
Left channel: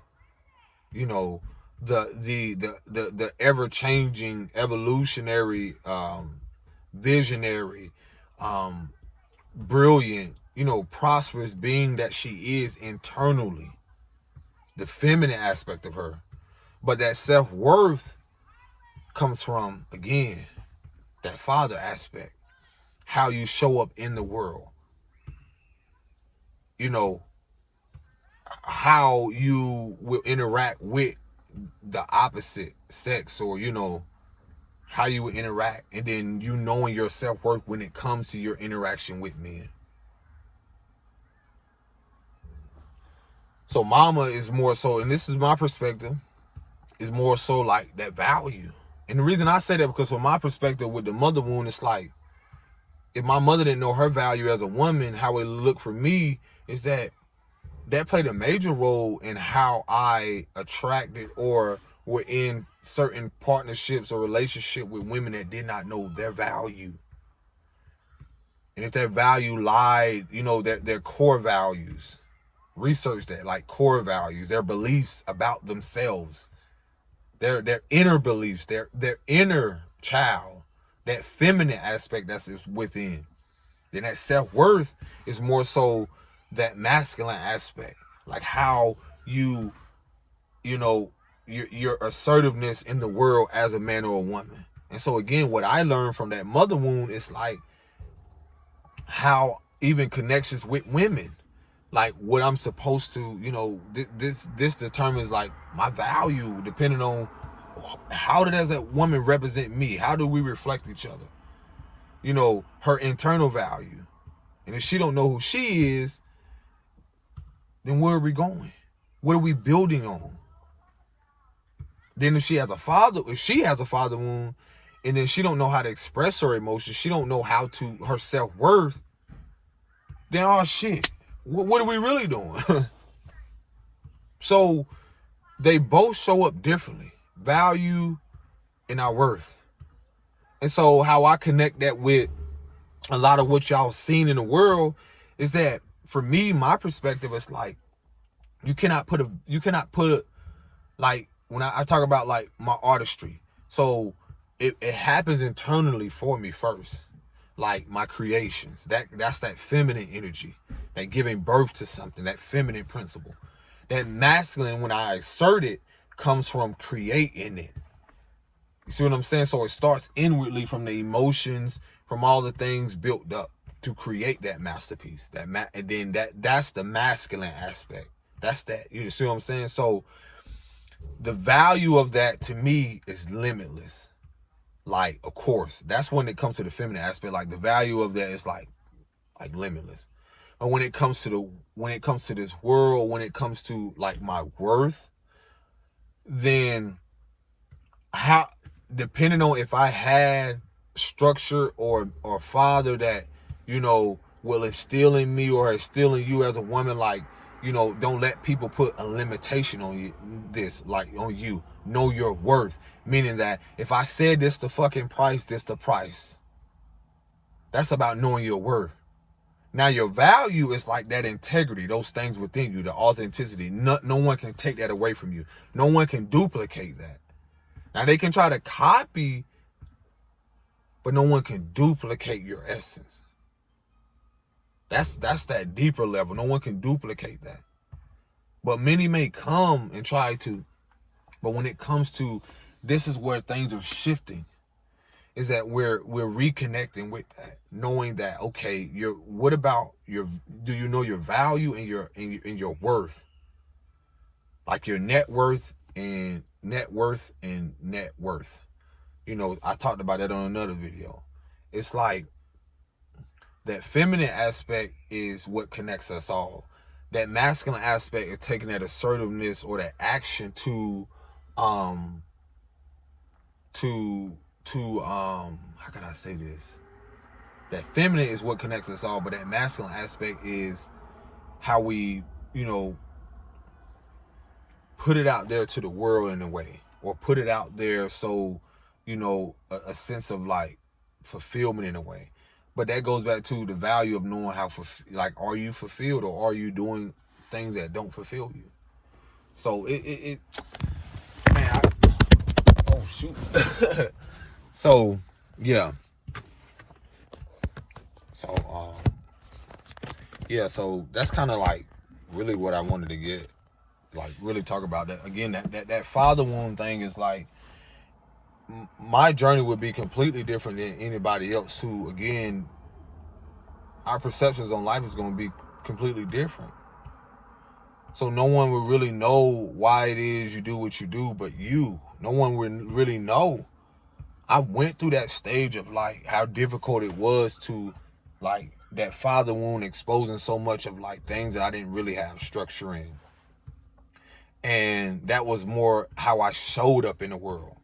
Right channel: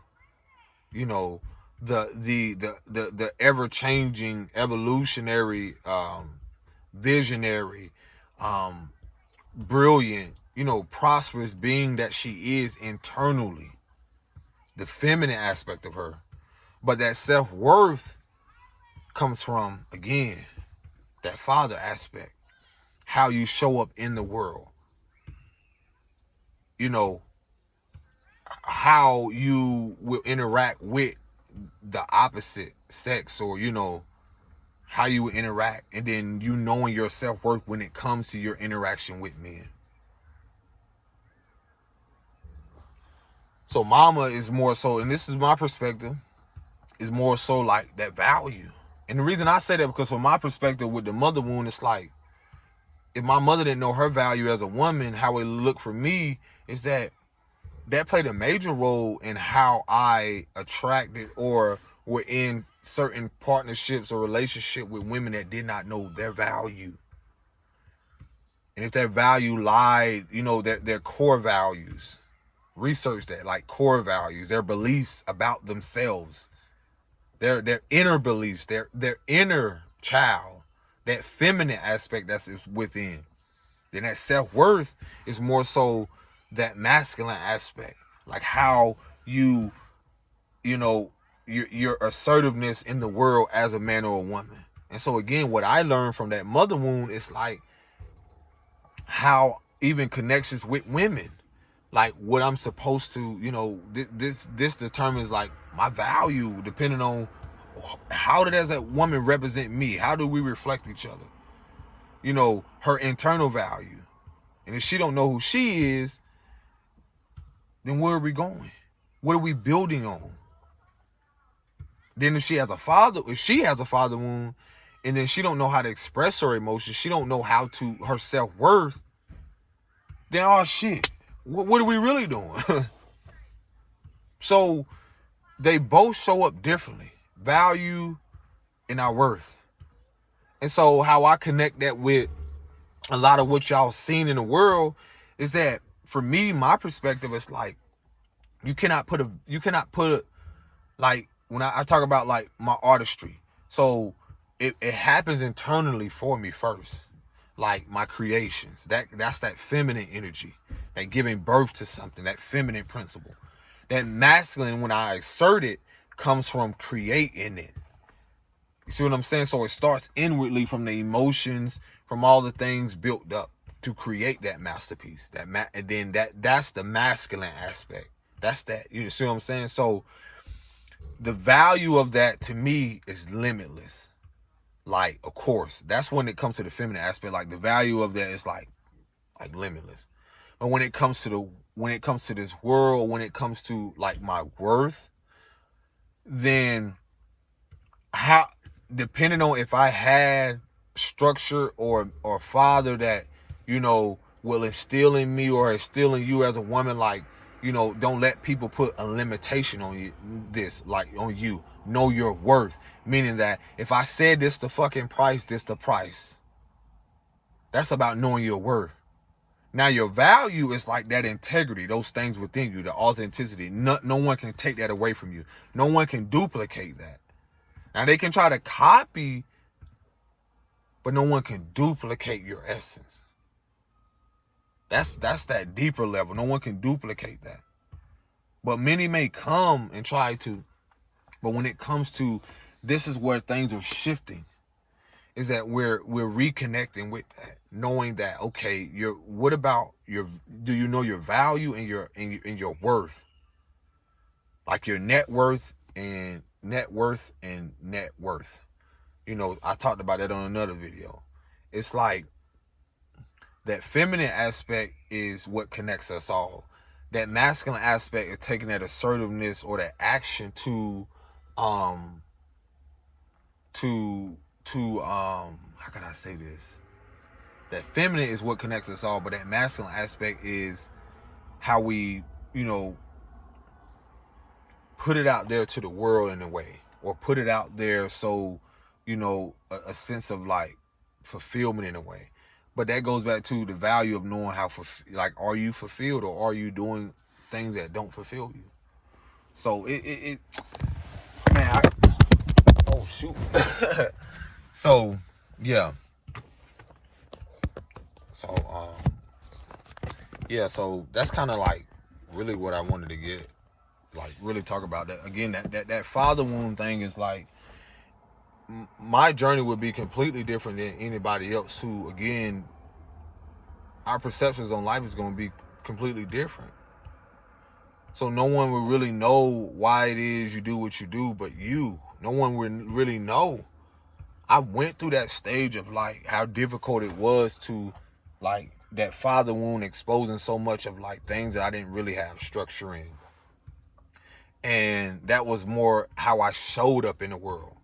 the ever-changing, evolutionary, visionary, brilliant, prosperous being that she is internally, the feminine aspect of her. But that self-worth comes from, again, that father aspect. how you show up in the world. You know, how you will interact with the opposite sex, or, you know, how you will interact, and then you knowing your self-worth when it comes to your interaction with men. So mama is more so, and this is my perspective, is more so like that value. And the reason I say that, because from my perspective with the mother wound, it's like, if my mother didn't know her value as a woman, how it looked for me is that played a major role in how I attracted or were in certain partnerships or relationship with women that did not know their value. And if that value lied, you know, their core values, research that, like core values, their beliefs about themselves, their inner beliefs, their inner child, that feminine aspect that's within. Then that self-worth is more so that masculine aspect, like how you know, your assertiveness in the world as a man or a woman. And so again, what I learned from that mother wound is like how even connections with women, like what I'm supposed to, you know, this determines like my value, depending on how does that woman represent me? How do we reflect each other? You know, her internal value. And if she don't know who she is, then where are we going? What are we building on? Then if she has a father wound, and then she don't know how to express her emotions, she don't know how to, her self-worth, then oh shit, what are we really doing? So they both show up differently, value and our worth. And so how I connect that with a lot of what y'all seen in the world is that, for me, my perspective is like, you cannot put like, when I talk about like my artistry, so it happens internally for me first, like my creations, that's that feminine energy, that giving birth to something, that feminine principle. That masculine, when I assert it, comes from creating it. You see what I'm saying? So it starts inwardly from the emotions, from all the things built up to create that masterpiece. And then that's the masculine aspect. That's that. You see what I'm saying? So the value of that to me is limitless. Like, of course, that's when it comes to the feminine aspect. Like the value of that is like limitless. But when it comes to this world, when it comes to like my worth, then how, depending on if I had structure or father that, you know, will instill in me or instill in you as a woman, like, you know, don't let people put a limitation on you, on you. Know your worth. Meaning that if I said this the fucking price, this the price. That's about knowing your worth. Now your value is like that integrity, those things within you, the authenticity. No one can take that away from you. No one can duplicate that. Now they can try to copy, but no one can duplicate your essence. That's that deeper level. No one can duplicate that. But many may come and try to. But when it comes to, this is where things are shifting, is that we're reconnecting with that, knowing that, okay, do you know your value and your worth? Like your net worth and net worth and net worth. You know, I talked about that on another video. It's like that feminine aspect is what connects us all. That masculine aspect is taking that assertiveness or that action to how can I say this? That feminine is what connects us all, but that masculine aspect is how we, you know, put it out there to the world in a way, or put it out there so, you know, a sense of like fulfillment in a way. But that goes back to the value of knowing how, like, are you fulfilled or are you doing things that don't fulfill you? So man, oh shoot. So yeah. So yeah, so that's kind of like really what I wanted to get, like really talk about that. Again, that father wound thing is like, my journey would be completely different than anybody else who, again, our perceptions on life is going to be completely different. So no one will really know why it is you do what you do but you. No one will really know. I went through that stage of like how difficult it was to like that father wound exposing so much of like things that I didn't really have structure in. And that was more how I showed up in the world.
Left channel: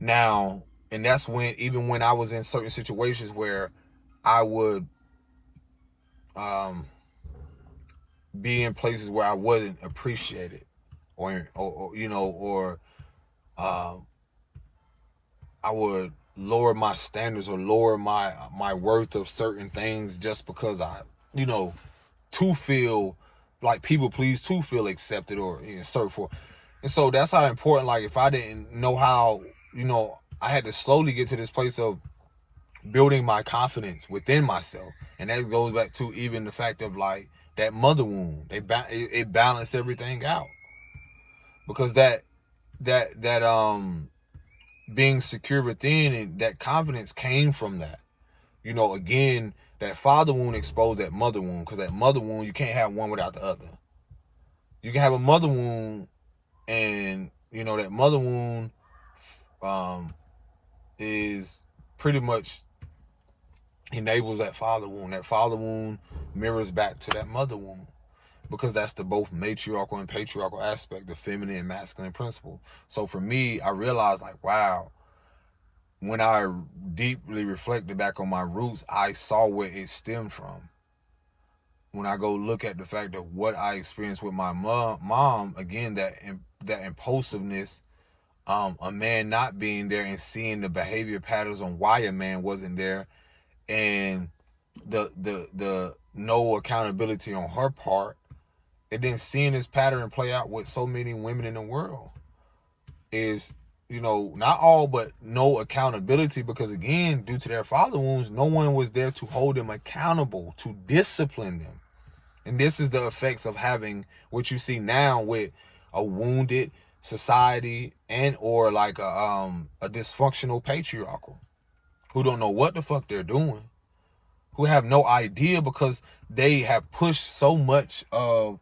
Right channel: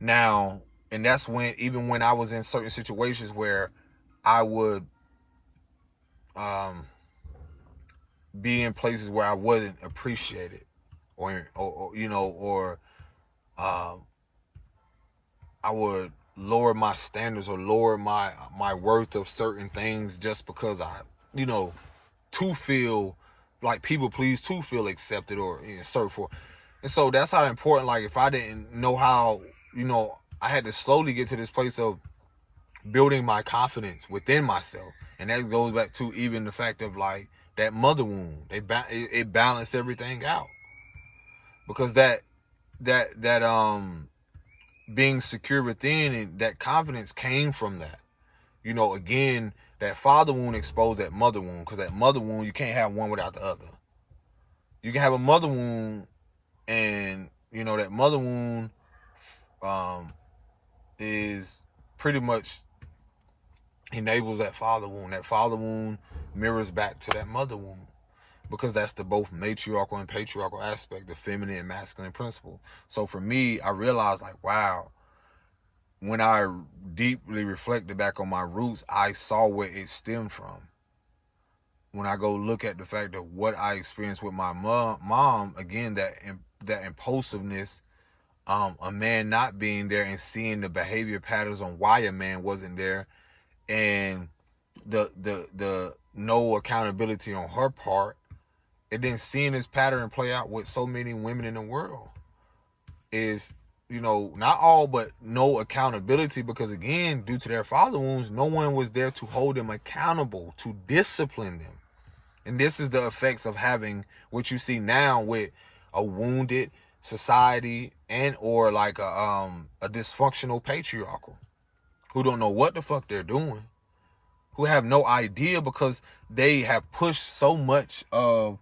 Now, and that's when, even when I was in certain situations where I would be in places where I wasn't appreciated or I would lower my standards or lower my worth of certain things just because I, to feel like people please, to feel accepted or so forth. And so that's how important, like if I didn't know how, I had to slowly get to this place of building my confidence within myself. And that goes back to even the fact of like that mother wound. It balanced everything out. Because that being secure within and that confidence came from that. Again, that father wound exposed that mother wound, because that mother wound, you can't have one without the other. You can have a mother wound, and that mother wound is pretty much enables that father wound. That father wound mirrors back to that mother wound, because that's the both matriarchal and patriarchal aspect, the feminine and masculine principle. So for me, I realized like, wow, when I deeply reflected back on my roots, I saw where it stemmed from. When I go look at the fact of what I experienced with my mom, again, that impulsiveness, a man not being there and seeing the behavior patterns on why a man wasn't there, and the no accountability on her part, and then seeing this pattern play out with so many women in the world is, not all, but no accountability, because again, due to their father wounds, no one was there to hold them accountable, to discipline them. And this is the effects of having what you see now with a wounded society and or like a dysfunctional patriarchal who don't know what the fuck they're doing, who have no idea because they have pushed so much of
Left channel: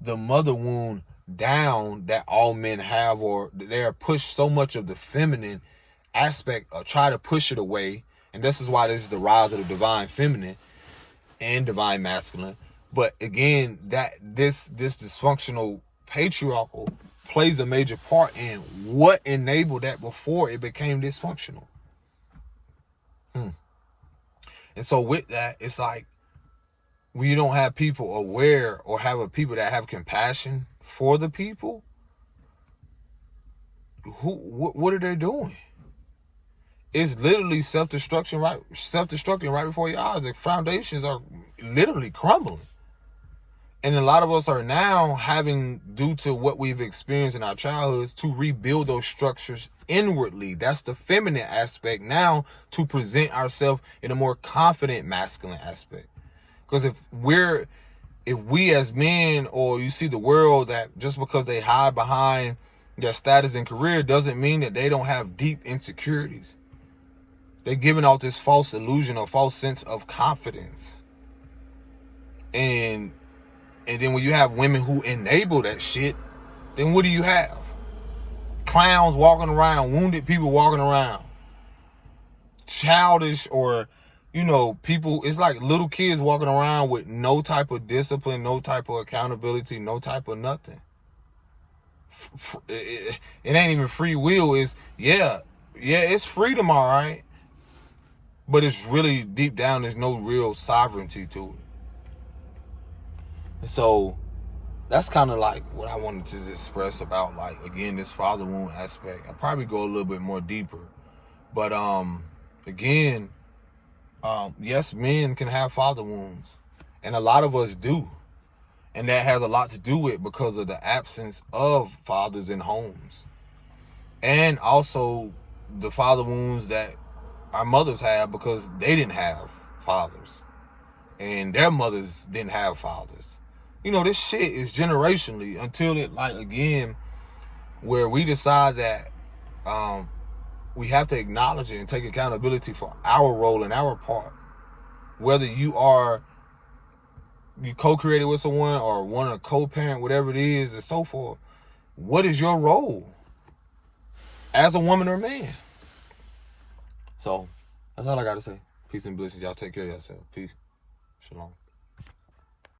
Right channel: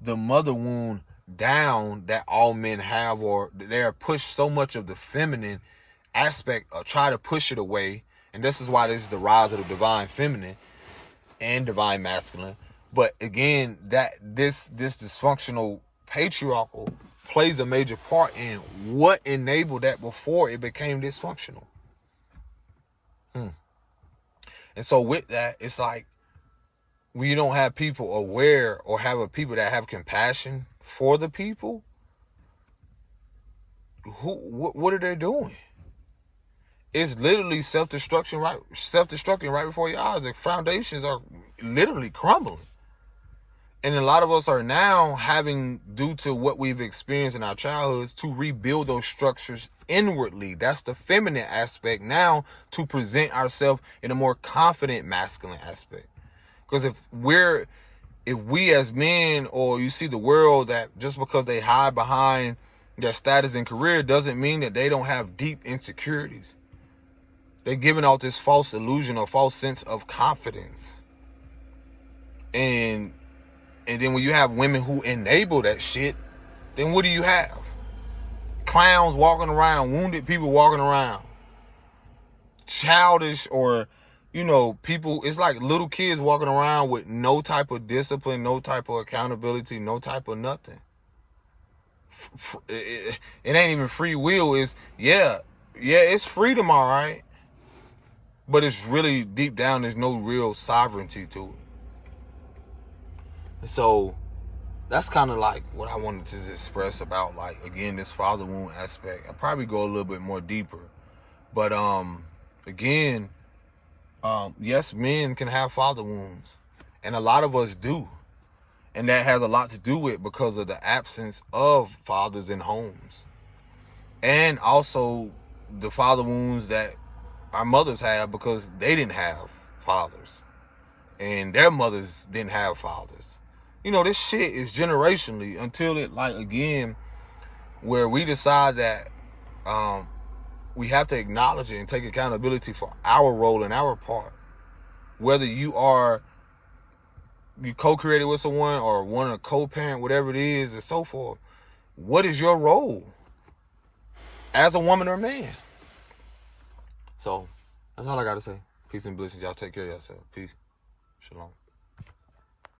the mother wound down that all men have, or they are pushed so much of the feminine aspect or try to push it away. And this is why this is the rise of the divine feminine and divine masculine. But again, that this dysfunctional patriarchal plays a major part in what enabled that before it became dysfunctional. And so with that, it's like when you don't have people aware or have a people that have compassion for the people, what are they doing? It's literally self-destruction right before your eyes. The foundations are literally crumbling. And a lot of us are now having, due to what we've experienced in our childhoods, to rebuild those structures inwardly. That's the feminine aspect now, to present ourselves in a more confident masculine aspect. Because if we as men, or you see the world that just because they hide behind their status and career doesn't mean that they don't have deep insecurities. They're giving out this false illusion or false sense of confidence. And then when you have women who enable that shit, then what do you have? Clowns walking around, wounded people walking around, childish, or people, it's like little kids walking around with no type of discipline, no type of accountability, no type of nothing. It ain't even free will. It's, it's freedom, all right. But it's really deep down, there's no real sovereignty to it. And so that's kind of like what I wanted to express about, like, again, this father wound aspect. I'll probably go a little bit more deeper. But again, yes, men can have father wounds, and a lot of us do. And that has a lot to do with because of the absence of fathers in homes. And also the father wounds that our mothers have because they didn't have fathers. And their mothers didn't have fathers. This shit is generationally until it, like, again, where we decide that we have to acknowledge it and take accountability for our role and our part. whether you co-created with someone or want to co-parent, whatever it is, and so forth, what is your role as a woman or man? So that's all I got to say. Peace and blessings. Y'all take care of yourself. Peace. Shalom.